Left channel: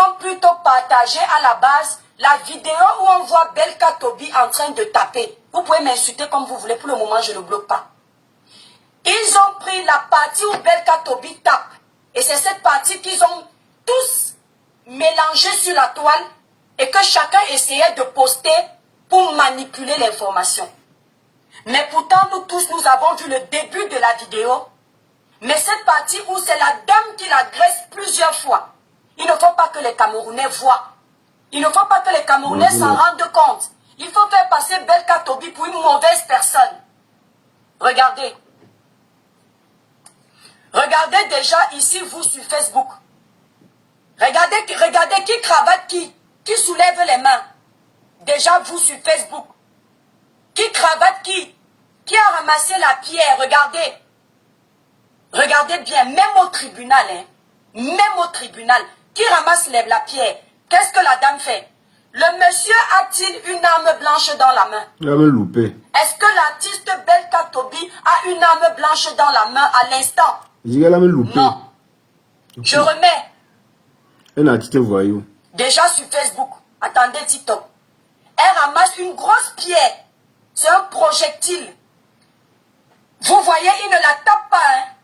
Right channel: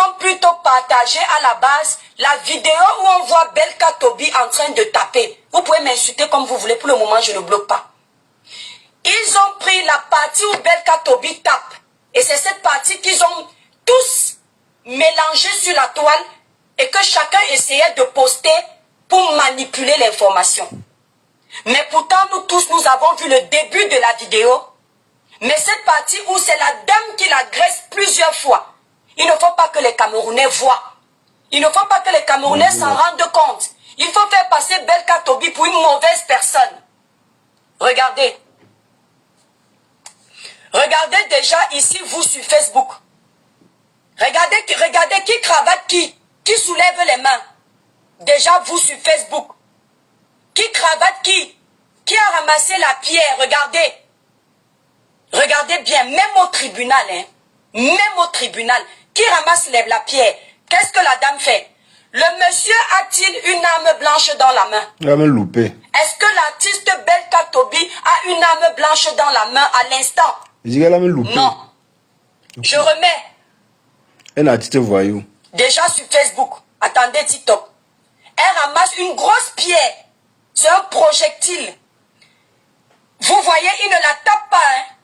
ont plutôt partagé à la base la vidéo où on voit Belka Tobi en train de taper. Vous pouvez m'insulter comme vous voulez, pour le moment je ne bloque pas. Ils ont pris la partie où Belka Tobi tape. Et c'est cette partie qu'ils ont tous mélangée sur la toile et que chacun essayait de poster pour manipuler l'information. Mais pourtant, nous tous, nous avons vu le début de la vidéo. Mais cette partie où c'est la dame qui l'agresse plusieurs fois, il ne faut pas que les Camerounais voient. Il ne faut pas que les Camerounais s'en rendent compte. Il faut faire passer Belka Tobi pour une mauvaise personne. Regardez. Regardez déjà ici, vous, sur Facebook. Regardez qui cravate qui soulève les mains. Déjà, vous, sur Facebook. Qui cravate qui a ramassé la pierre, regardez. Regardez bien, même au tribunal, hein. Même au tribunal. Qui ramasse la pierre? Qu'est-ce que la dame fait? Le monsieur a-t-il une arme blanche dans la main? Il a même loupé. Est-ce que l'artiste Belka Tobi a une arme blanche dans la main à l'instant? Il dit qu'elle a même loupé. Non. Je remets. Un artiste voyou. Déjà sur Facebook. Attendez TikTok. Elle ramasse une grosse pierre. C'est un projectile. Vous voyez, il ne la tape pas. Hein?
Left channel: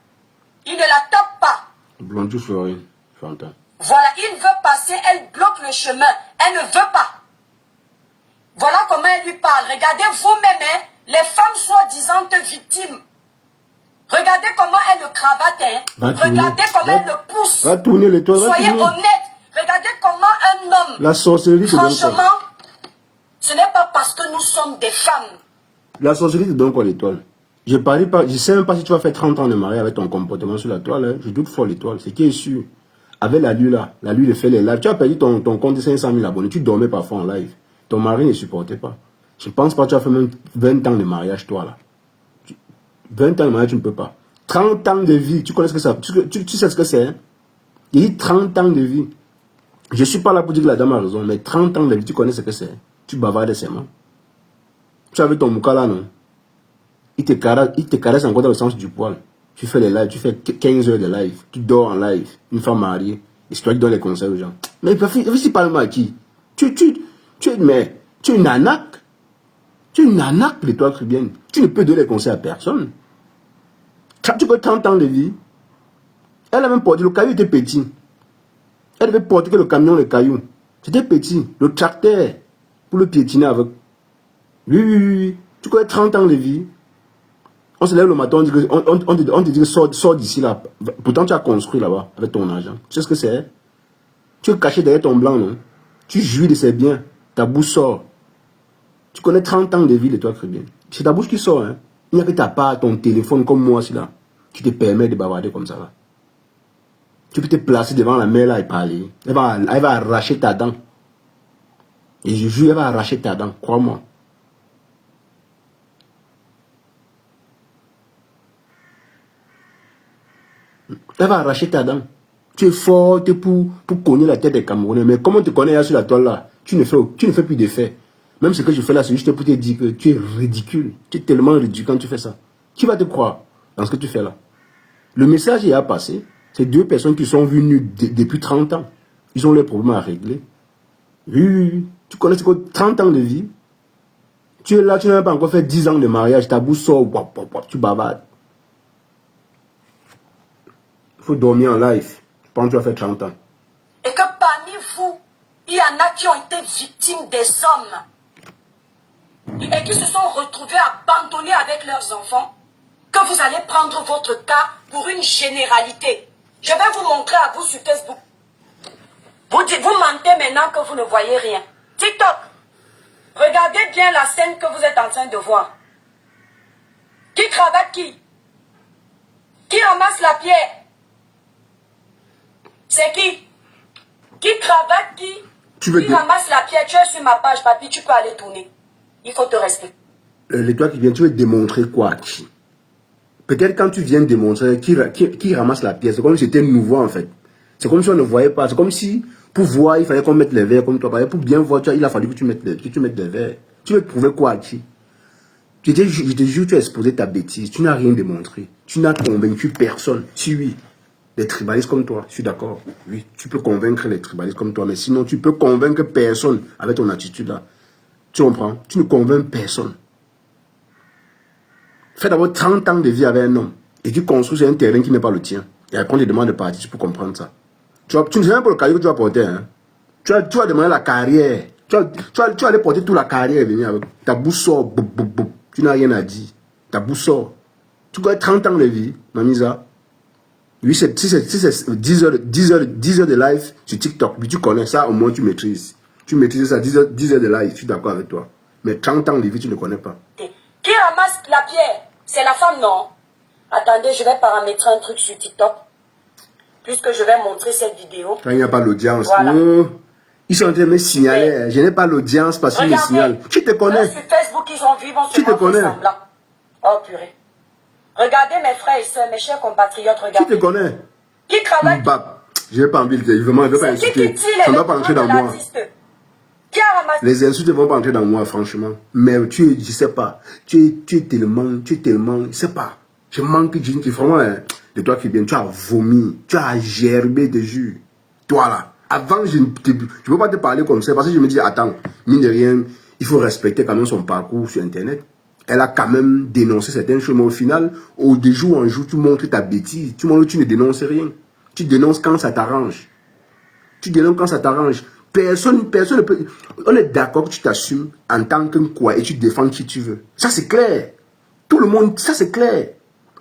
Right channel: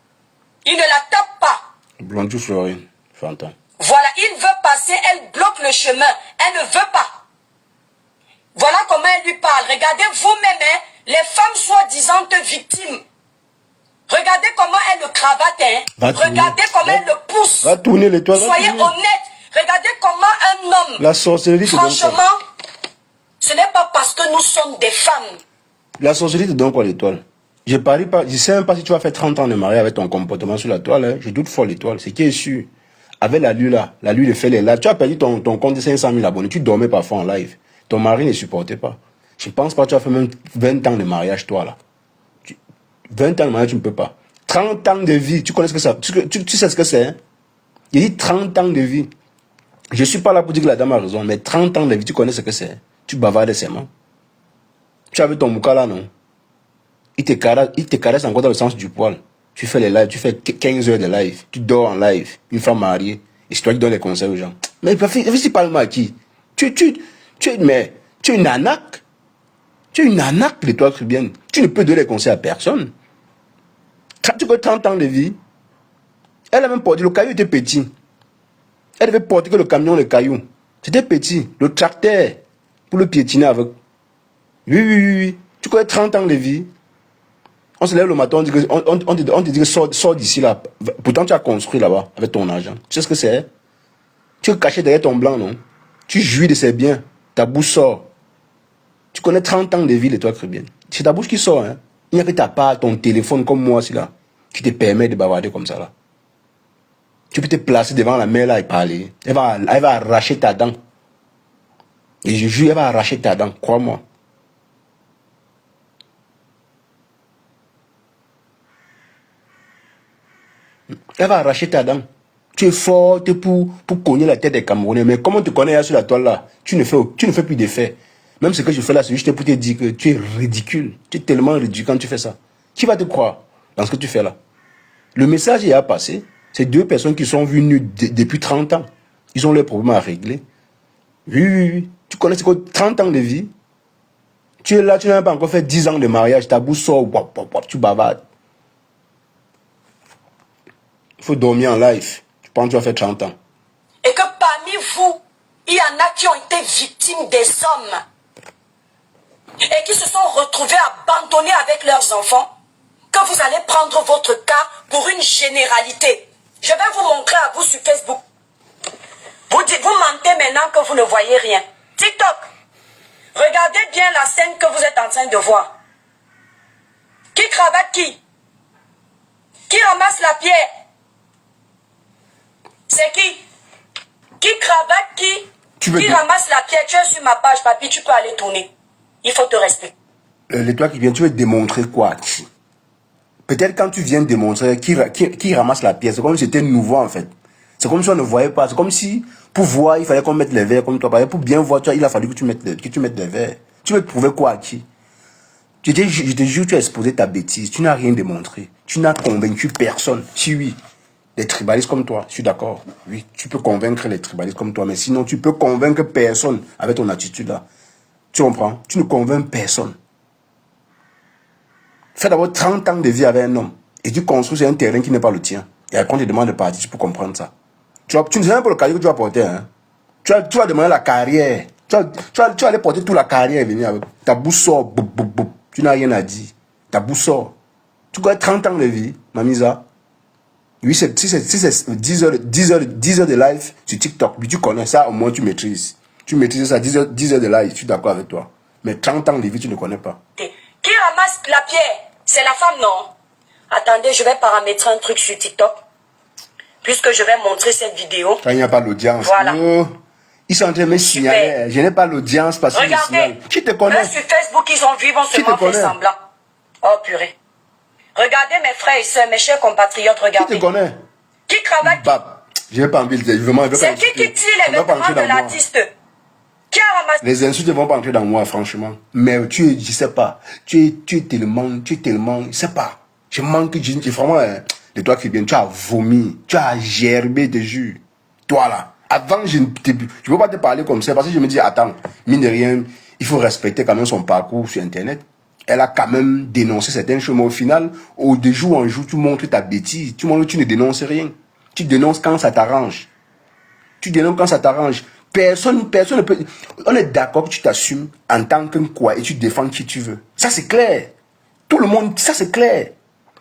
Il ne la tape pas. Blanchou Florine. Fanta. Voilà, il veut passer, elle bloque le chemin. Elle ne veut pas. Voilà comment elle lui parle. Regardez vous-même, hein, les femmes soi-disant victimes. Regardez comment elle le cravate. Hein. Regardez comment elle le pousse. Va tourner l'étoile. Soyez honnête. Regardez comment un homme... La sorcellerie te donne quoi? Franchement, ce n'est pas parce que nous sommes des femmes. La sorcellerie te donne quoi l'étoile? Je ne sais même pas si tu vas faire 30 ans de mariage avec ton comportement sur la toile. Hein. Je doute fort l'étoile. C'est qui est sûr. Avec la lue là, la lue de fait les lives. Tu as perdu ton compte de 500 000 abonnés. Tu dormais parfois en live. Ton mari ne supportait pas. Je pense pas que tu as fait même 20 ans de mariage toi là. 20 ans de mariage tu ne peux pas. 30 ans de vie. Tu connais ce que ça... Tu sais ce que c'est. Hein? Il dit 30 ans de vie. Je ne suis pas là pour dire que la dame a raison. Mais 30 ans de vie, tu connais ce que c'est. Tu bavardes seulement. Tu avais ton mouka là non? Il te caresse encore dans le sens du poil. Tu fais les lives, tu fais 15 heures de live. Tu dors en live, une femme mariée. Et c'est toi qui donnes les conseils aux gens. Mais c'est pas le mal qui. Tu es une anaque. Tu es une anaque de toi bien. Tu ne peux donner les conseils à personne. Tu as 30 ans de vie. Elle a même porté, le caillou était petit. Elle devait porter que le camion, le caillou. C'était petit. Le tracteur, pour le piétiner avec. Oui. Tu connais 30 ans de vie. On se lève le matin, on te dit que sors d'ici là. Pourtant, tu as construit là-bas avec ton argent. Tu sais ce que c'est? Tu es caché derrière ton blanc, non? Tu jouis de ses biens. Ta bouche sort. Tu connais 30 ans de vie de toi, bien. C'est ta bouche qui sort. Hein? Il n'y a que ta part, ton téléphone comme moi, c'est là, qui te permet de bavarder comme ça. Là. Tu peux te placer devant la mère là et parler. Elle va arracher ta dent. Et je jure, elle va arracher ta dent, crois-moi. Elle va arracher ta dent. Tu es forte pour cogner la tête des Camerounais. Mais comment tu connais sur la toile là? Tu ne fais plus d'effet. Même ce que je fais là, c'est juste pour te dire que tu es ridicule. Tu es tellement ridicule quand tu fais ça. Qui va te croire dans ce que tu fais là? Le message y a passé. C'est deux personnes qui sont venues depuis 30 ans. Ils ont leurs problèmes à régler. Oui. Tu connais ce que 30 ans de vie. Tu es là, tu n'as pas encore fait 10 ans de mariage. Ta bouche sort, tu bavardes. Il faut dormir en live. Tu penses que tu vas faire 30 ans. Et que parmi vous, il y en a qui ont été victimes des hommes. Et qui se sont retrouvés abandonnés avec leurs enfants. Que vous allez prendre votre cas pour une généralité. Je vais vous montrer à vous sur Facebook. Vous mentez maintenant que vous ne voyez rien. TikTok. Regardez bien la scène que vous êtes en train de voir. Qui cravate qui? Qui ramasse la pierre? C'est qui? Qui cravate qui? Qui ramasse la pierre? Tu es sur ma page, papy, tu peux aller tourner. Il faut te respecter. Toi qui viens, tu veux démontrer quoi? Peut-être quand tu viens démontrer qui ramasse la pièce, c'est comme si c'était nouveau en fait. C'est comme si on ne voyait pas. C'est comme si, pour voir, il fallait qu'on mette les verres comme toi. Pour bien voir, il a fallu que tu mettes les verres. Tu veux prouver quoi à qui? Je te jure, tu as exposé ta bêtise. Tu n'as rien démontré. Tu n'as convaincu personne. Si oui. Les tribalistes comme toi, je suis d'accord. Oui, tu peux convaincre les tribalistes comme toi, mais sinon, tu peux convaincre personne avec ton attitude là. Tu comprends? Tu ne convaincs personne. Fais d'abord 30 ans de vie avec un homme et tu construis sur un terrain qui n'est pas le tien. Et après, on te demande de partir, tu peux comprendre ça. Tu ne sais même pas le cahier que tu vas porter. Hein? Tu vas demander la carrière. Tu vas aller porter toute la carrière et venir avec. Ta bouche sort. Tu n'as rien à dire. Ta bouche sort. Tu connais 30 ans de vie, Mamisa. Oui, si c'est 10 heures de live sur TikTok, puis tu connais ça, au moins tu maîtrises. Tu maîtrises ça, 10 heures de live, je suis d'accord avec toi. Mais 30 ans de vie, tu ne connais pas. Qui ramasse la pierre? C'est la femme, non? Attendez, je vais paramétrer un truc sur TikTok. Puisque je vais montrer cette vidéo. Quand il n'y a pas l'audience. Voilà. Oh, ils sont en train de me signaler. Je n'ai pas l'audience parce qu'ils me signalent. Tu te connais. Là, sur Facebook, ils ont vu, ils vont seulement faire semblant. Oh, purée. Regardez mes frères et sœurs, mes chers compatriotes, regardez. Qui te connaît? Qui travaille? Je n'ai pas envie de dire. C'est qui tire les vêtements de l'artiste? Qui a ramassé? Les insultes ne vont pas entrer dans moi, franchement. Mais je sais pas. Tu es tellement, je sais pas. Je manque de vraiment, de toi qui viens, tu as vomi, tu as gerbé de jus. Toi là. Avant, je ne peux pas te parler comme ça parce que je me dis, attends, mine de rien, il faut respecter quand même son parcours sur Internet. Elle a quand même dénoncé certaines choses, mais au final, de jour en jour, tu montres ta bêtise. Tu montres que tu ne dénonces rien. Tu dénonces quand ça t'arrange. Tu dénonces quand ça t'arrange. Personne ne peut... On est d'accord que tu t'assumes en tant que quoi et tu défends qui tu veux. Ça, c'est clair. Tout le monde, ça, c'est clair.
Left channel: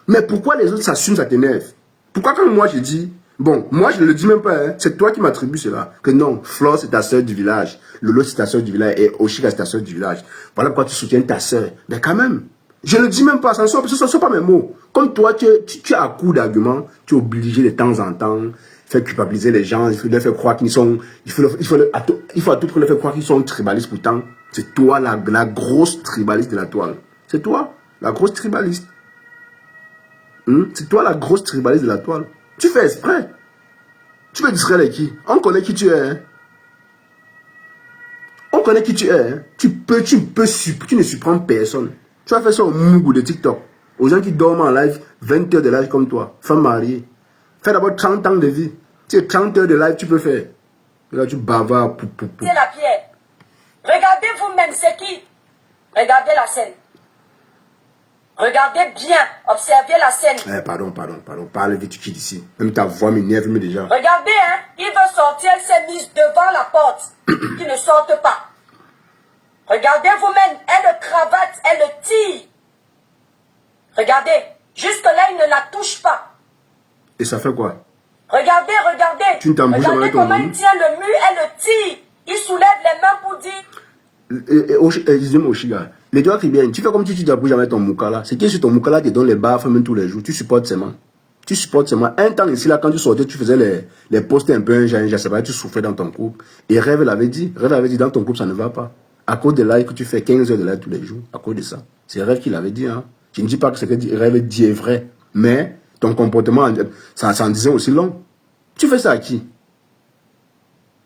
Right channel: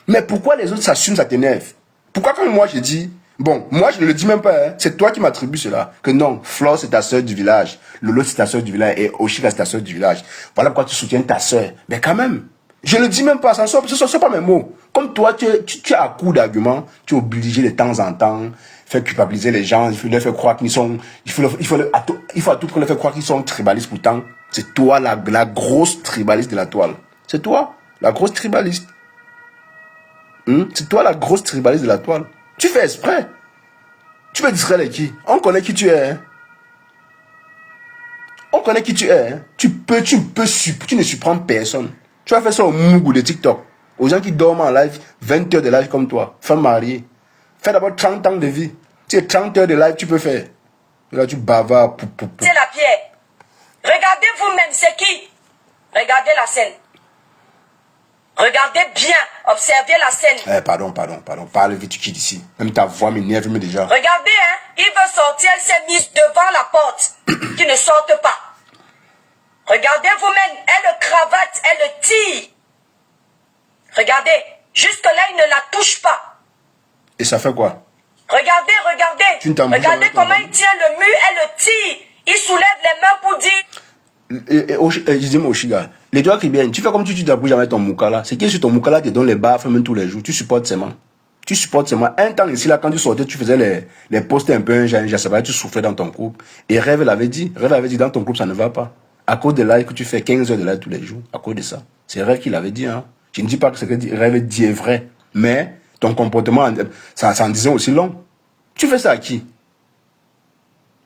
Mais pourquoi les autres s'assument, ça t'énerve? Pourquoi quand moi, je dis... Bon, moi, je ne le dis même pas. Hein, c'est toi qui m'attribues cela. Que non, Flore, c'est ta soeur du village. Lolo, c'est ta soeur du village. Et Oshika, c'est ta soeur du village. Voilà pourquoi tu soutiens ta soeur. Mais quand même, je ne le dis même pas. Ça ne sort pas mes mots. Comme toi, tu as à coup d'arguments. Tu es obligé de temps en temps faire culpabiliser les gens. Il faut leur faire croire qu'ils sont... Il faut à tout prix leur faire croire qu'ils sont tribalistes. Pourtant, c'est toi la grosse tribaliste de la toile. C'est toi, la grosse tribaliste. C'est toi la grosse tribaliste de la toile. Tu fais exprès. Tu veux distraire les qui? On connaît qui tu es. Hein? On connaît qui tu es. Hein? Tu ne surprends personne. Tu vas faire ça au Mougou de TikTok. Aux gens qui dorment en live, 20 heures de live comme toi. Femme mariée. Fais d'abord 30 ans de vie. Tu sais, 30 heures de live, tu peux faire. Et là, tu bavardes. C'est la pierre. Regardez vous-même, c'est qui? Regardez la scène. Regardez bien, observez la scène. Pardon. Parle vite, tu quittes ici. Même ta voix m'énerve déjà. Regardez, hein, il veut sortir, elle s'est mise devant la porte. Qui ne sorte pas. Regardez vous-même, elle le cravate, elle le tire. Regardez, jusque-là, il ne la touche pas. Et ça fait quoi? Regardez. Regardez comment il tient le mur, elle le tire. Il soulève les mains pour dire... Dis-moi, Oshiga, les doigts qui viennent, tu fais comme tu t'appuies avec ton moukala. C'est qui sur ton moukala te donne les baffes même tous les jours. Tu supportes seulement. Un temps ici, là, quand tu sortais, tu faisais les posts un peu, je sais pas, tu souffrais dans ton couple. Et Rêve l'avait dit, dans ton couple, ça ne va pas. À cause de live que tu fais 15 heures de live tous les jours, à cause de ça. C'est Rêve qui l'avait dit, hein. Je ne dis pas que ce que Rêve dit est vrai. Mais ton comportement, ça en disant aussi long. Tu fais ça à qui?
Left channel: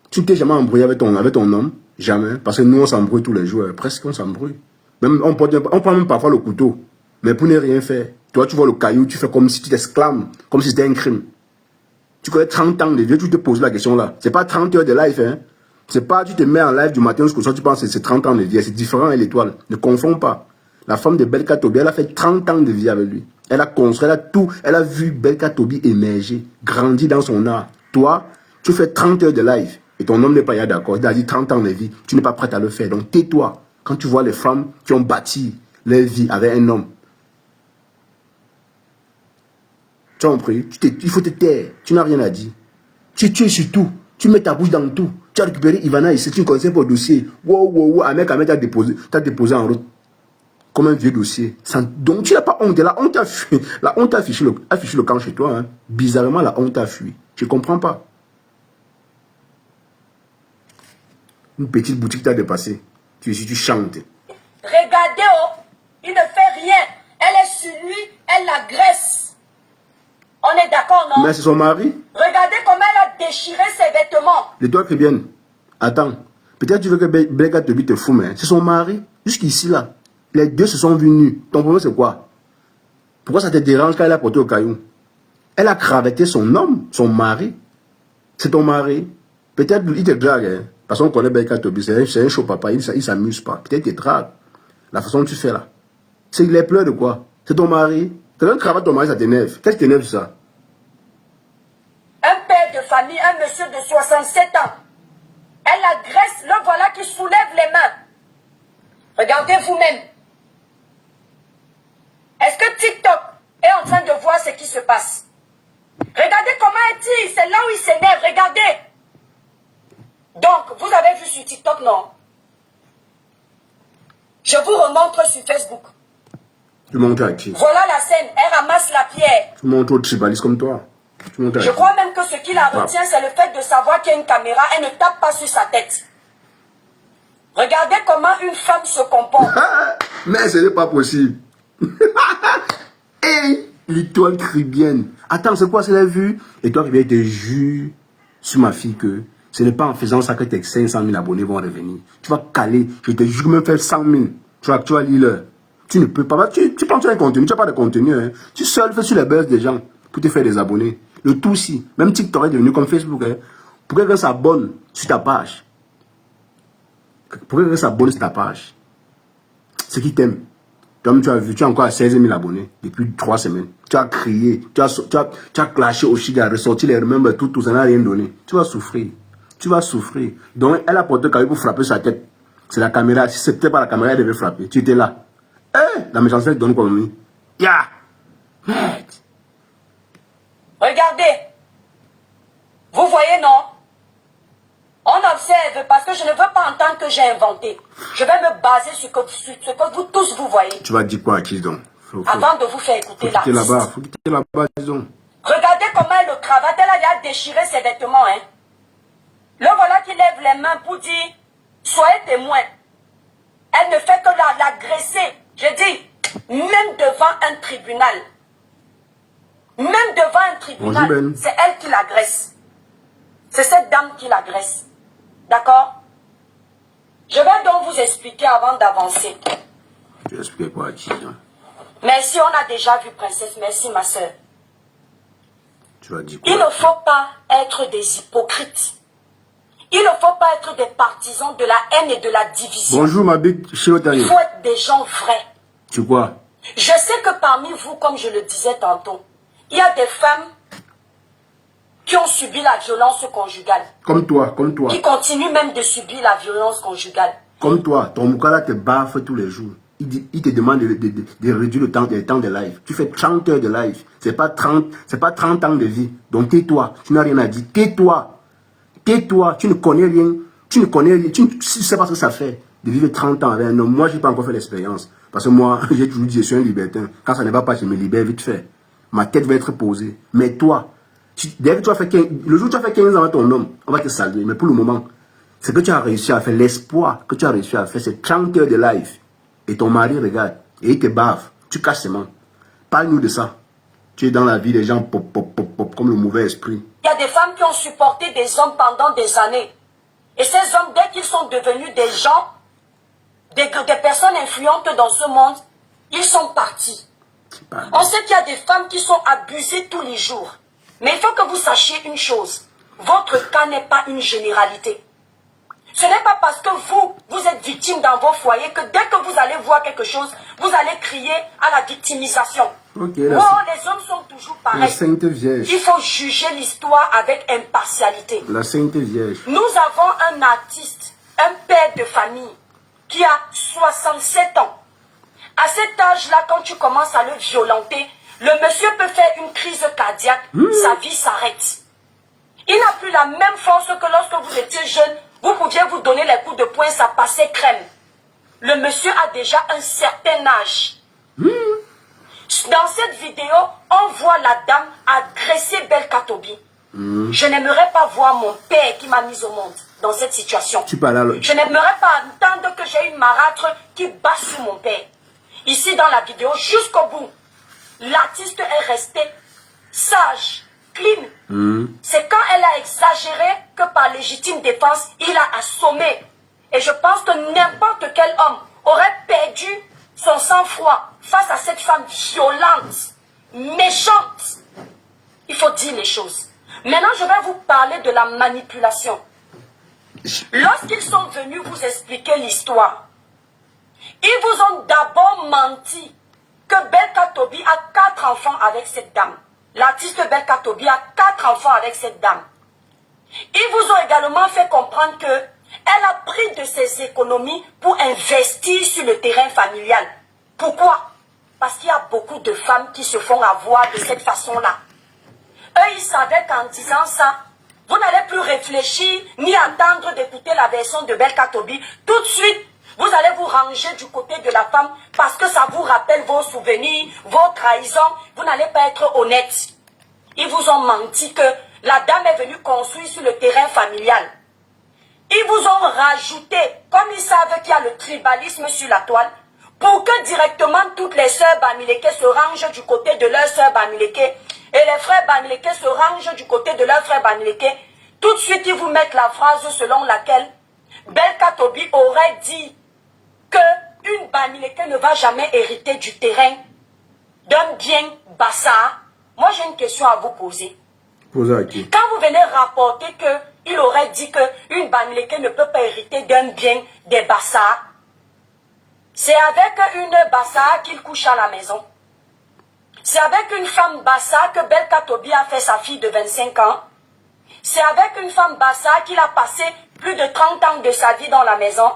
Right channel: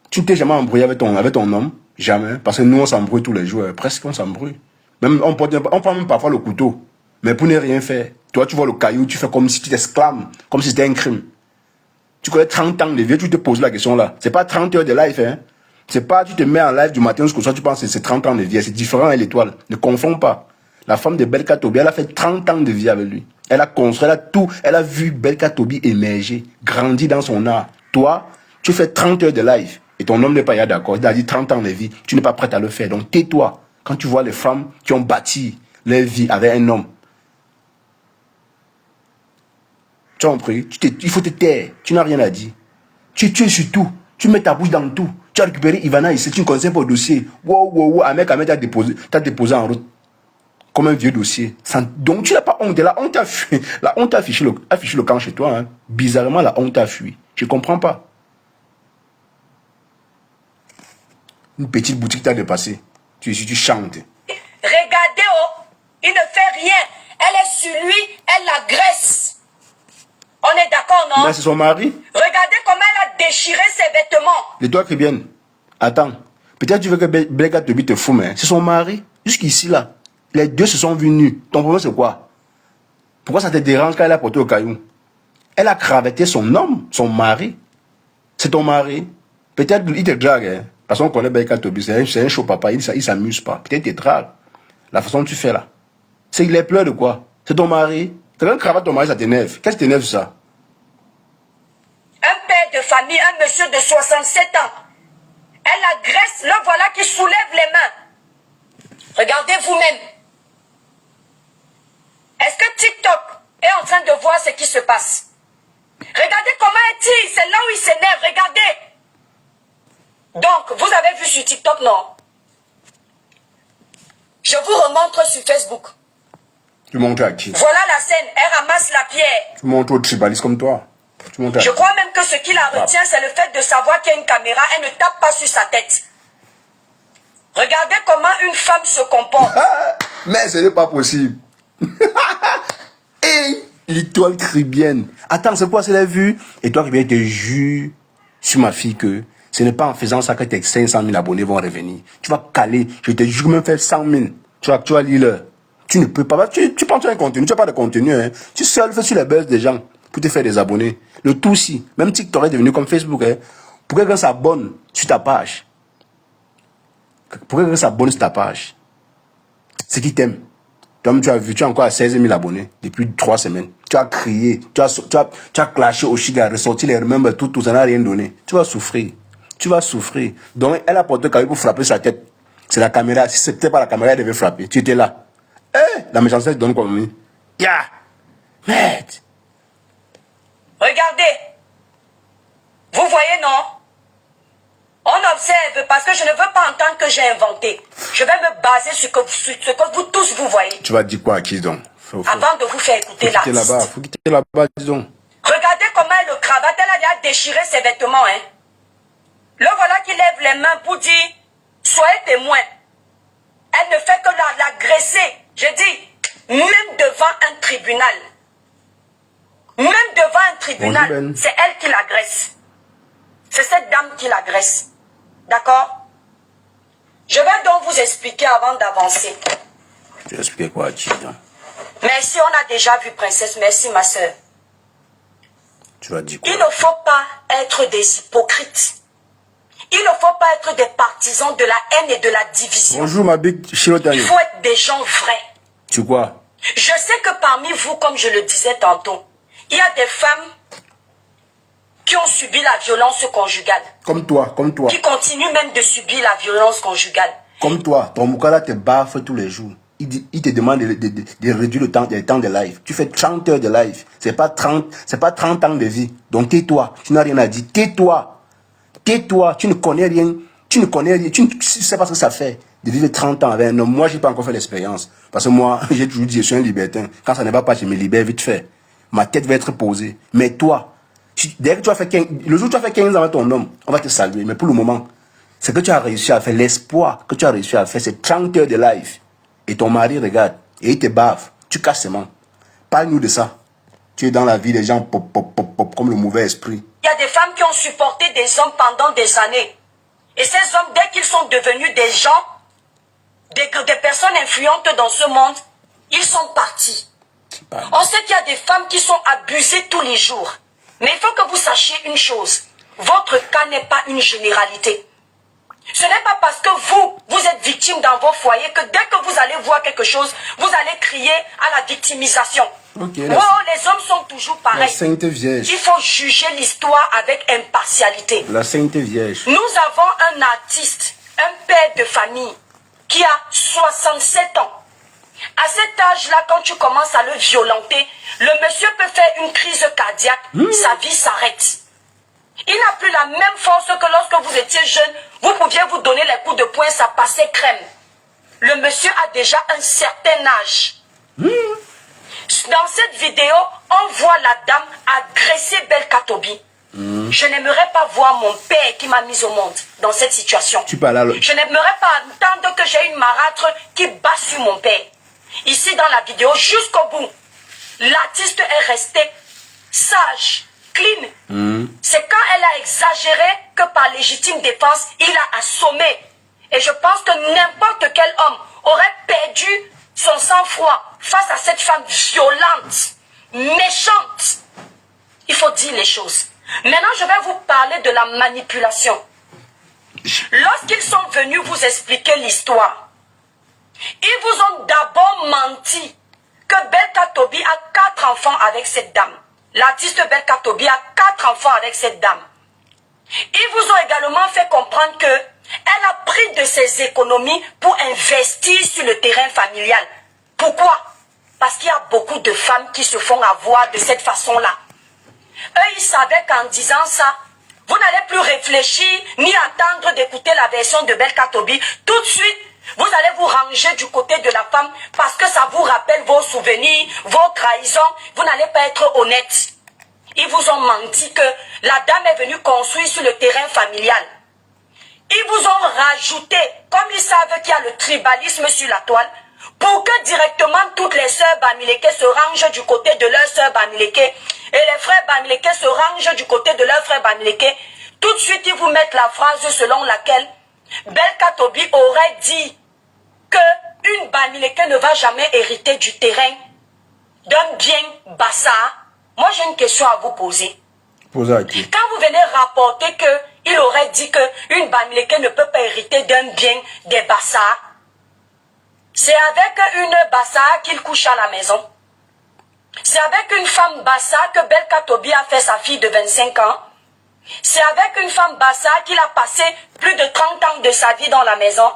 Tu t'es jamais embrouillé avec ton homme? Jamais. Parce que nous, on s'embrouille tous les jours. Presque, on s'embrouille. Même, on prend même parfois le couteau. Mais pour ne rien faire. Toi, tu vois le caillou, tu fais comme si tu t'exclames. Comme si c'était un crime. Tu connais 30 ans de vie, tu te poses la question là. C'est pas 30 heures de live, hein. C'est pas, tu te mets en live du matin jusqu'au soir, tu penses que c'est 30 ans de vie. C'est différent, elle l'étoile. Ne confonds pas. La femme de Belka Tobi, elle a fait 30 ans de vie avec lui. Elle a construit, elle a tout. Elle a vu Belka Tobi émerger, grandir dans son art. Toi, tu fais 30 heures de live. Et ton homme n'est pas d'accord. Il a dit 30 ans de vie. Tu n'es pas prête à le faire. Donc tais-toi. Quand tu vois les femmes qui ont bâti leur vie avec un homme. Tu as compris? Il faut te taire. Tu n'as rien à dire. Tu es sur tout. Tu mets ta bouche dans tout. Tu as récupéré Ivana ici. Tu ne connais pas le dossier. Wow. Un mec t'a déposé en route. Comme un vieux dossier. Donc tu n'as pas honte. La honte a fui. La honte a affiché le camp chez toi. Hein. Bizarrement, la honte a fui. Je ne comprends pas. Une petite boutique t'a dépassé. Tu chantes. Regardez, oh, il ne fait rien. Elle est sur lui, elle l'agresse. On est d'accord, non? Mais c'est son mari. Regardez comment elle a déchiré ses vêtements. Les doigts qui viennent. Attends. Peut-être tu veux que Belka Tobi te fume. Hein. C'est son mari. Jusqu'ici, là. Les deux se sont vus nus. Ton problème, c'est quoi? Pourquoi ça te dérange quand elle a porté au caillou? Elle a cravaté son homme, son mari. C'est ton mari. Peut-être il te drague. Hein? Parce qu'on connaît Belka Tobi, c'est un chaud papa, il s'amuse pas. Peut-être il te drague. La façon dont tu fais là. C'est qu'il est plein de quoi? C'est ton mari. Tu as cravaté ton mari, ça t'énerve. Qu'est-ce qui t'énerve ça? Un père de famille, un monsieur de 67 ans. Elle agresse, le voilà qui soulève les mains. Regardez vous-même. Est-ce que TikTok est en train de voir ce qui se passe? Regardez comment est-il, c'est là où il s'énerve, regardez. Donc, vous avez vu sur TikTok, non? Je vous remontre sur Facebook. Tu montres à qui? Voilà la scène, elle ramasse la pierre. Tu montres aux tribalistes comme toi. Je crois même que ce qui la retient, c'est le fait de savoir qu'il y a une caméra, elle ne tape pas sur sa tête. Regardez comment une femme se comporte. Mais ce n'est pas possible. Hey, l'étoile caribéenne. Attends, c'est quoi, c'est la vue? Et toi qui viens te jurer sur ma fille que ce n'est pas en faisant ça que tes 500 000 abonnés vont revenir. Tu vas caler, je te jure même faire 100 000. Tu vas lire le. Tu ne peux pas. Tu penses à un contenu, tu n'as pas de contenu. Hein. Tu seul fais sur les buzz des gens pour te faire des abonnés. Le tout si, même TikTok est devenu comme Facebook. Hein. Pour que quelqu'un s'abonne sur ta page. Pour que quelqu'un s'abonne sur ta page. C'est qui t'aime. Toi, tu as vu, tu as encore à 16 000 abonnés depuis 3 semaines. Tu as crié, tu as clashé au Chili, ressorti les remembers, tout, ça n'a rien donné. Tu vas souffrir. Tu vas souffrir. Donc, elle a porté le pour frapper sa tête. C'est la caméra. Si c'était pas la caméra, elle devait frapper. Tu étais là. La méchanceté donne comme ya. Merde. Regardez. Vous voyez, non? On observe parce que je ne veux pas entendre que j'ai inventé. Je vais me baser sur ce que vous tous vous voyez. Tu vas dire quoi à qui donc? Avant de vous faire écouter l'artiste. Faut quitter là-bas, disons. Regardez comment elle le cravate. Elle a déjà déchiré ses vêtements. Hein. Le voilà qui lève les mains pour dire soyez témoin. Elle ne fait que l'agresser. Je dis, même devant un tribunal. Même devant un tribunal, c'est elle qui l'agresse. C'est cette dame qui l'agresse. D'accord? Je vais donc vous expliquer avant d'avancer. Tu vas expliquer quoi à qui donc? Merci, on a déjà vu Princesse. Merci, ma soeur. Tu vas dire quoi? Il ne faut pas être des hypocrites. Il ne faut pas être des partisans de la haine et de la division. Bonjour, ma big Chirotani. Il faut être des gens vrais. Tu quoi? Je sais que parmi vous, comme je le disais tantôt, il y a des femmes qui ont subi la violence conjugale. Comme toi, comme toi. Qui continuent même de subir la violence conjugale. Comme toi, ton Moukala te baffe tous les jours. Il te demande de réduire le temps de live. Tu fais 30 heures de live. C'est pas 30 ans de vie. Donc tais-toi. Tu n'as rien à dire. Tais-toi. Tais-toi. Tu ne connais rien. Tu ne sais pas ce que ça fait de vivre 30 ans avec un homme. Moi, j'ai pas encore fait l'expérience. Parce que moi, j'ai toujours dit, je suis un libertin. Quand ça ne va pas, je me libère vite fait. Ma tête va être posée. Mais toi, dès que tu as fait 15, le jour où tu as fait 15 ans avec ton homme, on va te saluer. Mais pour le moment, ce que tu as réussi à faire, l'espoir que tu as réussi à faire, c'est 30 heures de live. Et ton mari regarde, et il te bave. Tu casses ses mains. Parle-nous de ça. Tu es dans la vie des gens pop, pop, pop, pop, comme le mauvais esprit. Il y a des femmes qui ont supporté des hommes pendant des années. Et ces hommes, dès qu'ils sont devenus des gens, des personnes influentes dans ce monde, ils sont partis. On sait qu'il y a des femmes qui sont abusées tous les jours. Mais il faut que vous sachiez une chose. Votre cas n'est pas une généralité. Ce n'est pas parce que vous êtes victime dans vos foyers que dès que vous allez voir quelque chose, vous allez crier à la victimisation. Okay, les hommes sont toujours pareils. La Sainte Vierge. Il faut juger l'histoire avec impartialité. La Sainte Vierge. Nous avons un artiste, un père de famille, qui a 67 ans. À cet âge-là, quand tu commences à le violenter, le monsieur peut faire une crise cardiaque, sa vie s'arrête. Il n'a plus la même force que lorsque vous étiez jeune, vous pouviez vous donner les coups de poing, ça passait crème. Le monsieur a déjà un certain âge. Dans cette vidéo, on voit la dame agresser Belka Tobi. Je n'aimerais pas voir mon père qui m'a mise au monde dans cette situation. Tu parles alors. Je n'aimerais pas entendre que j'ai une marâtre qui bat sur mon père. Ici dans la vidéo, jusqu'au bout, l'artiste est resté sage, clean. C'est quand elle a exagéré que par légitime défense, il a assommé. Et je pense que n'importe quel homme aurait perdu son sang-froid face à cette femme violente, méchante. Il faut dire les choses. Maintenant, je vais vous parler de la manipulation. Lorsqu'ils sont venus vous expliquer l'histoire, ils vous ont d'abord menti que Belka Tobi a 4 enfants avec cette dame. L'artiste Belka Tobi a 4 enfants avec cette dame. Ils vous ont également fait comprendre qu'elle a pris de ses économies pour investir sur le terrain familial. Pourquoi? Parce qu'il y a beaucoup de femmes qui se font avoir de cette façon-là. Eux, ils savaient qu'en disant ça, vous n'allez plus réfléchir ni attendre d'écouter la version de Belka Tobi. Tout de suite, vous allez vous ranger du côté de la femme parce que ça vous rappelle vos souvenirs, vos trahisons. Vous n'allez pas être honnête. Ils vous ont menti que la dame est venue construire sur le terrain familial. Ils vous ont rajouté, comme ils savent qu'il y a le tribalisme sur la toile, pour que directement toutes les sœurs Bamileke se rangent du côté de leurs sœurs Bamileke et les frères Bamileke se rangent du côté de leurs frères Bamileke. Tout de suite, ils vous mettent la phrase selon laquelle Belka Tobi aurait dit qu'une Bamileke ne va jamais hériter du terrain d'un bien Bassa. Moi, j'ai une question à vous poser. Posez à qui? Quand vous venez rapporter qu'il aurait dit qu'une Bamileke ne peut pas hériter d'un bien des Bassa, c'est avec une Bassa qu'il couche à la maison. C'est avec une femme Bassa que Belka Tobi a fait sa fille de 25 ans. C'est avec une femme Bassa qu'il a passé plus de 30 ans de sa vie dans la maison.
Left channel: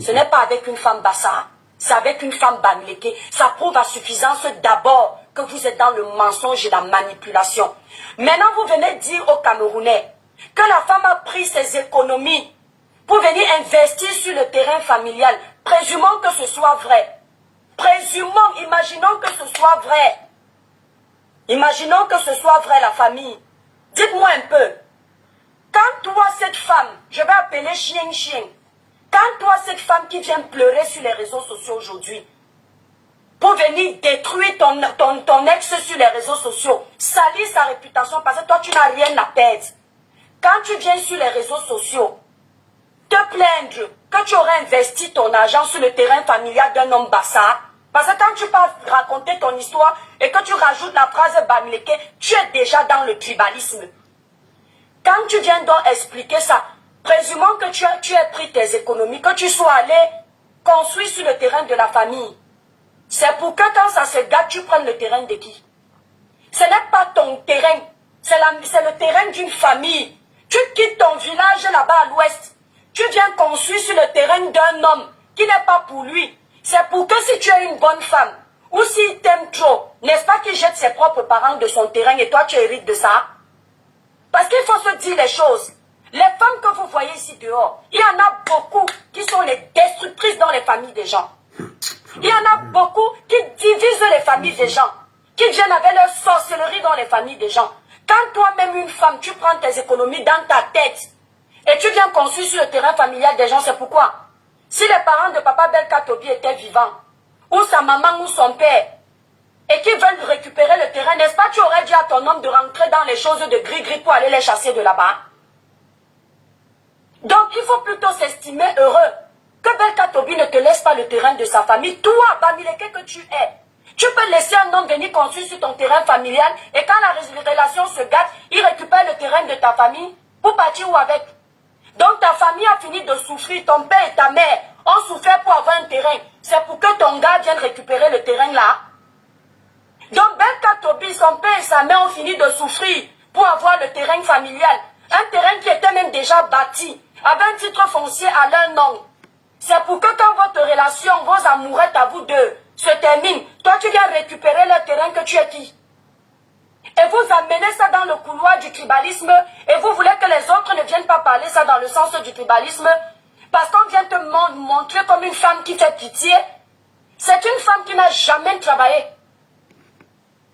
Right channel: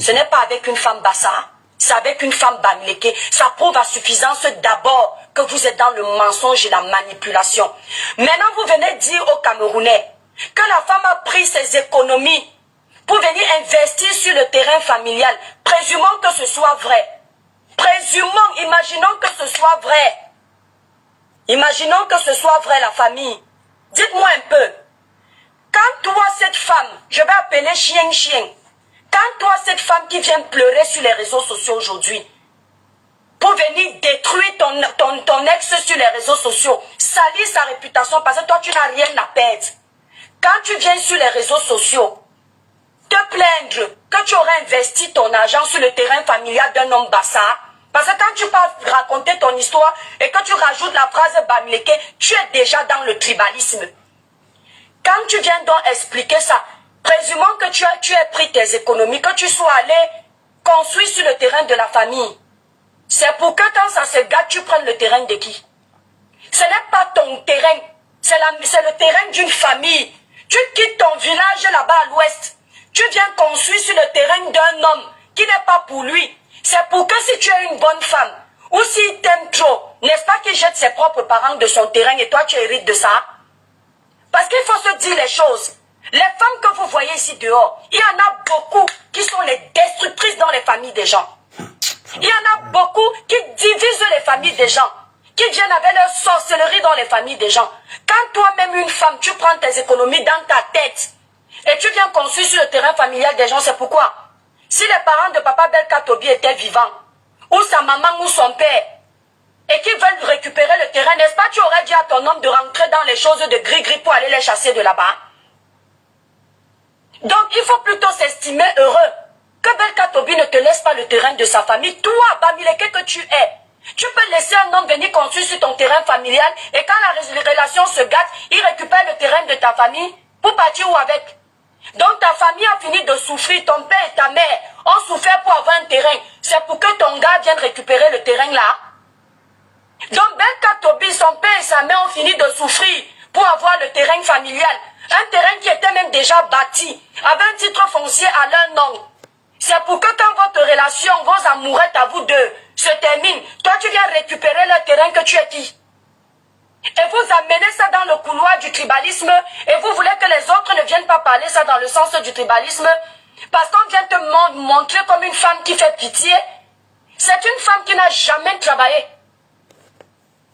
Ce n'est pas avec une femme Bassa. C'est avec une femme Bamileke. Ça prouve à suffisance d'abord que vous êtes dans le mensonge et la manipulation. Maintenant, vous venez dire aux Camerounais que la femme a pris ses économies pour venir investir sur le terrain familial. Présumons que ce soit vrai. Présumons, imaginons que ce soit vrai. Imaginons que ce soit vrai, la famille. Dites-moi un peu. Quand toi, cette femme, je vais appeler chien, quand toi, cette femme qui vient pleurer sur les réseaux sociaux aujourd'hui, pour venir détruire ton ex sur les réseaux sociaux, salir sa réputation parce que toi, tu n'as rien à perdre. Quand tu viens sur les réseaux sociaux, te plaindre que tu aurais investi ton argent sur le terrain familial d'un homme Bassa, parce que quand tu pars raconter ton histoire et que tu rajoutes la phrase Bamileke, tu es déjà dans le tribalisme. Quand tu viens donc expliquer ça, présumons que tu aies pris tes économies, que tu sois allé construire sur le terrain de la famille. C'est pour que quand ça se gâte, tu prennes le terrain de qui? Ce n'est pas ton terrain, c'est le terrain d'une famille. Tu quittes ton village là-bas à l'ouest. Tu viens construire sur le terrain d'un homme qui n'est pas pour lui. C'est pour que si tu es une bonne femme, ou s'il t'aime trop, n'est-ce pas qu'il jette ses propres parents de son terrain et toi tu hérites de ça? Parce qu'il faut se dire les choses. Les femmes que vous voyez ici dehors, il y en a beaucoup qui sont les destructrices dans les familles des gens. Il y en a beaucoup qui divisent les familles des gens, qui viennent avec leur sorcellerie dans les familles des gens. Quand toi-même une femme, tu prends tes économies dans ta tête et tu viens construire sur le terrain familial des gens, c'est pourquoi? Si les parents de papa Belka Tobi étaient vivants, ou sa maman ou son père, et qu'ils veulent récupérer le terrain, n'est-ce pas, tu aurais dit à ton homme de rentrer dans les choses de gris-gris pour aller les chasser de là-bas? Donc, il faut plutôt s'estimer heureux que Belka Tobi ne te laisse pas le terrain de sa famille. Toi, Bamileke que tu es, tu peux laisser un homme venir construire sur ton terrain familial et quand la relation se gâte, il récupère le terrain de ta famille pour partir où avec? Donc, ta famille a fini de souffrir, ton père et ta mère ont souffert pour avoir un terrain. C'est pour que ton gars vienne récupérer le terrain là. Donc, Belka Tobi, son père et sa mère ont fini de souffrir pour avoir le terrain familial. Un terrain qui était même déjà bâti, avec un titre foncier à leur nom. C'est pour que quand votre relation, vos amourettes à vous deux se terminent, toi tu viens récupérer le terrain que tu es qui. Et vous amenez ça dans le couloir du tribalisme et vous voulez que les autres ne viennent pas parler ça dans le sens du tribalisme parce qu'on vient te montrer comme une femme qui fait pitié. C'est une femme qui n'a jamais travaillé.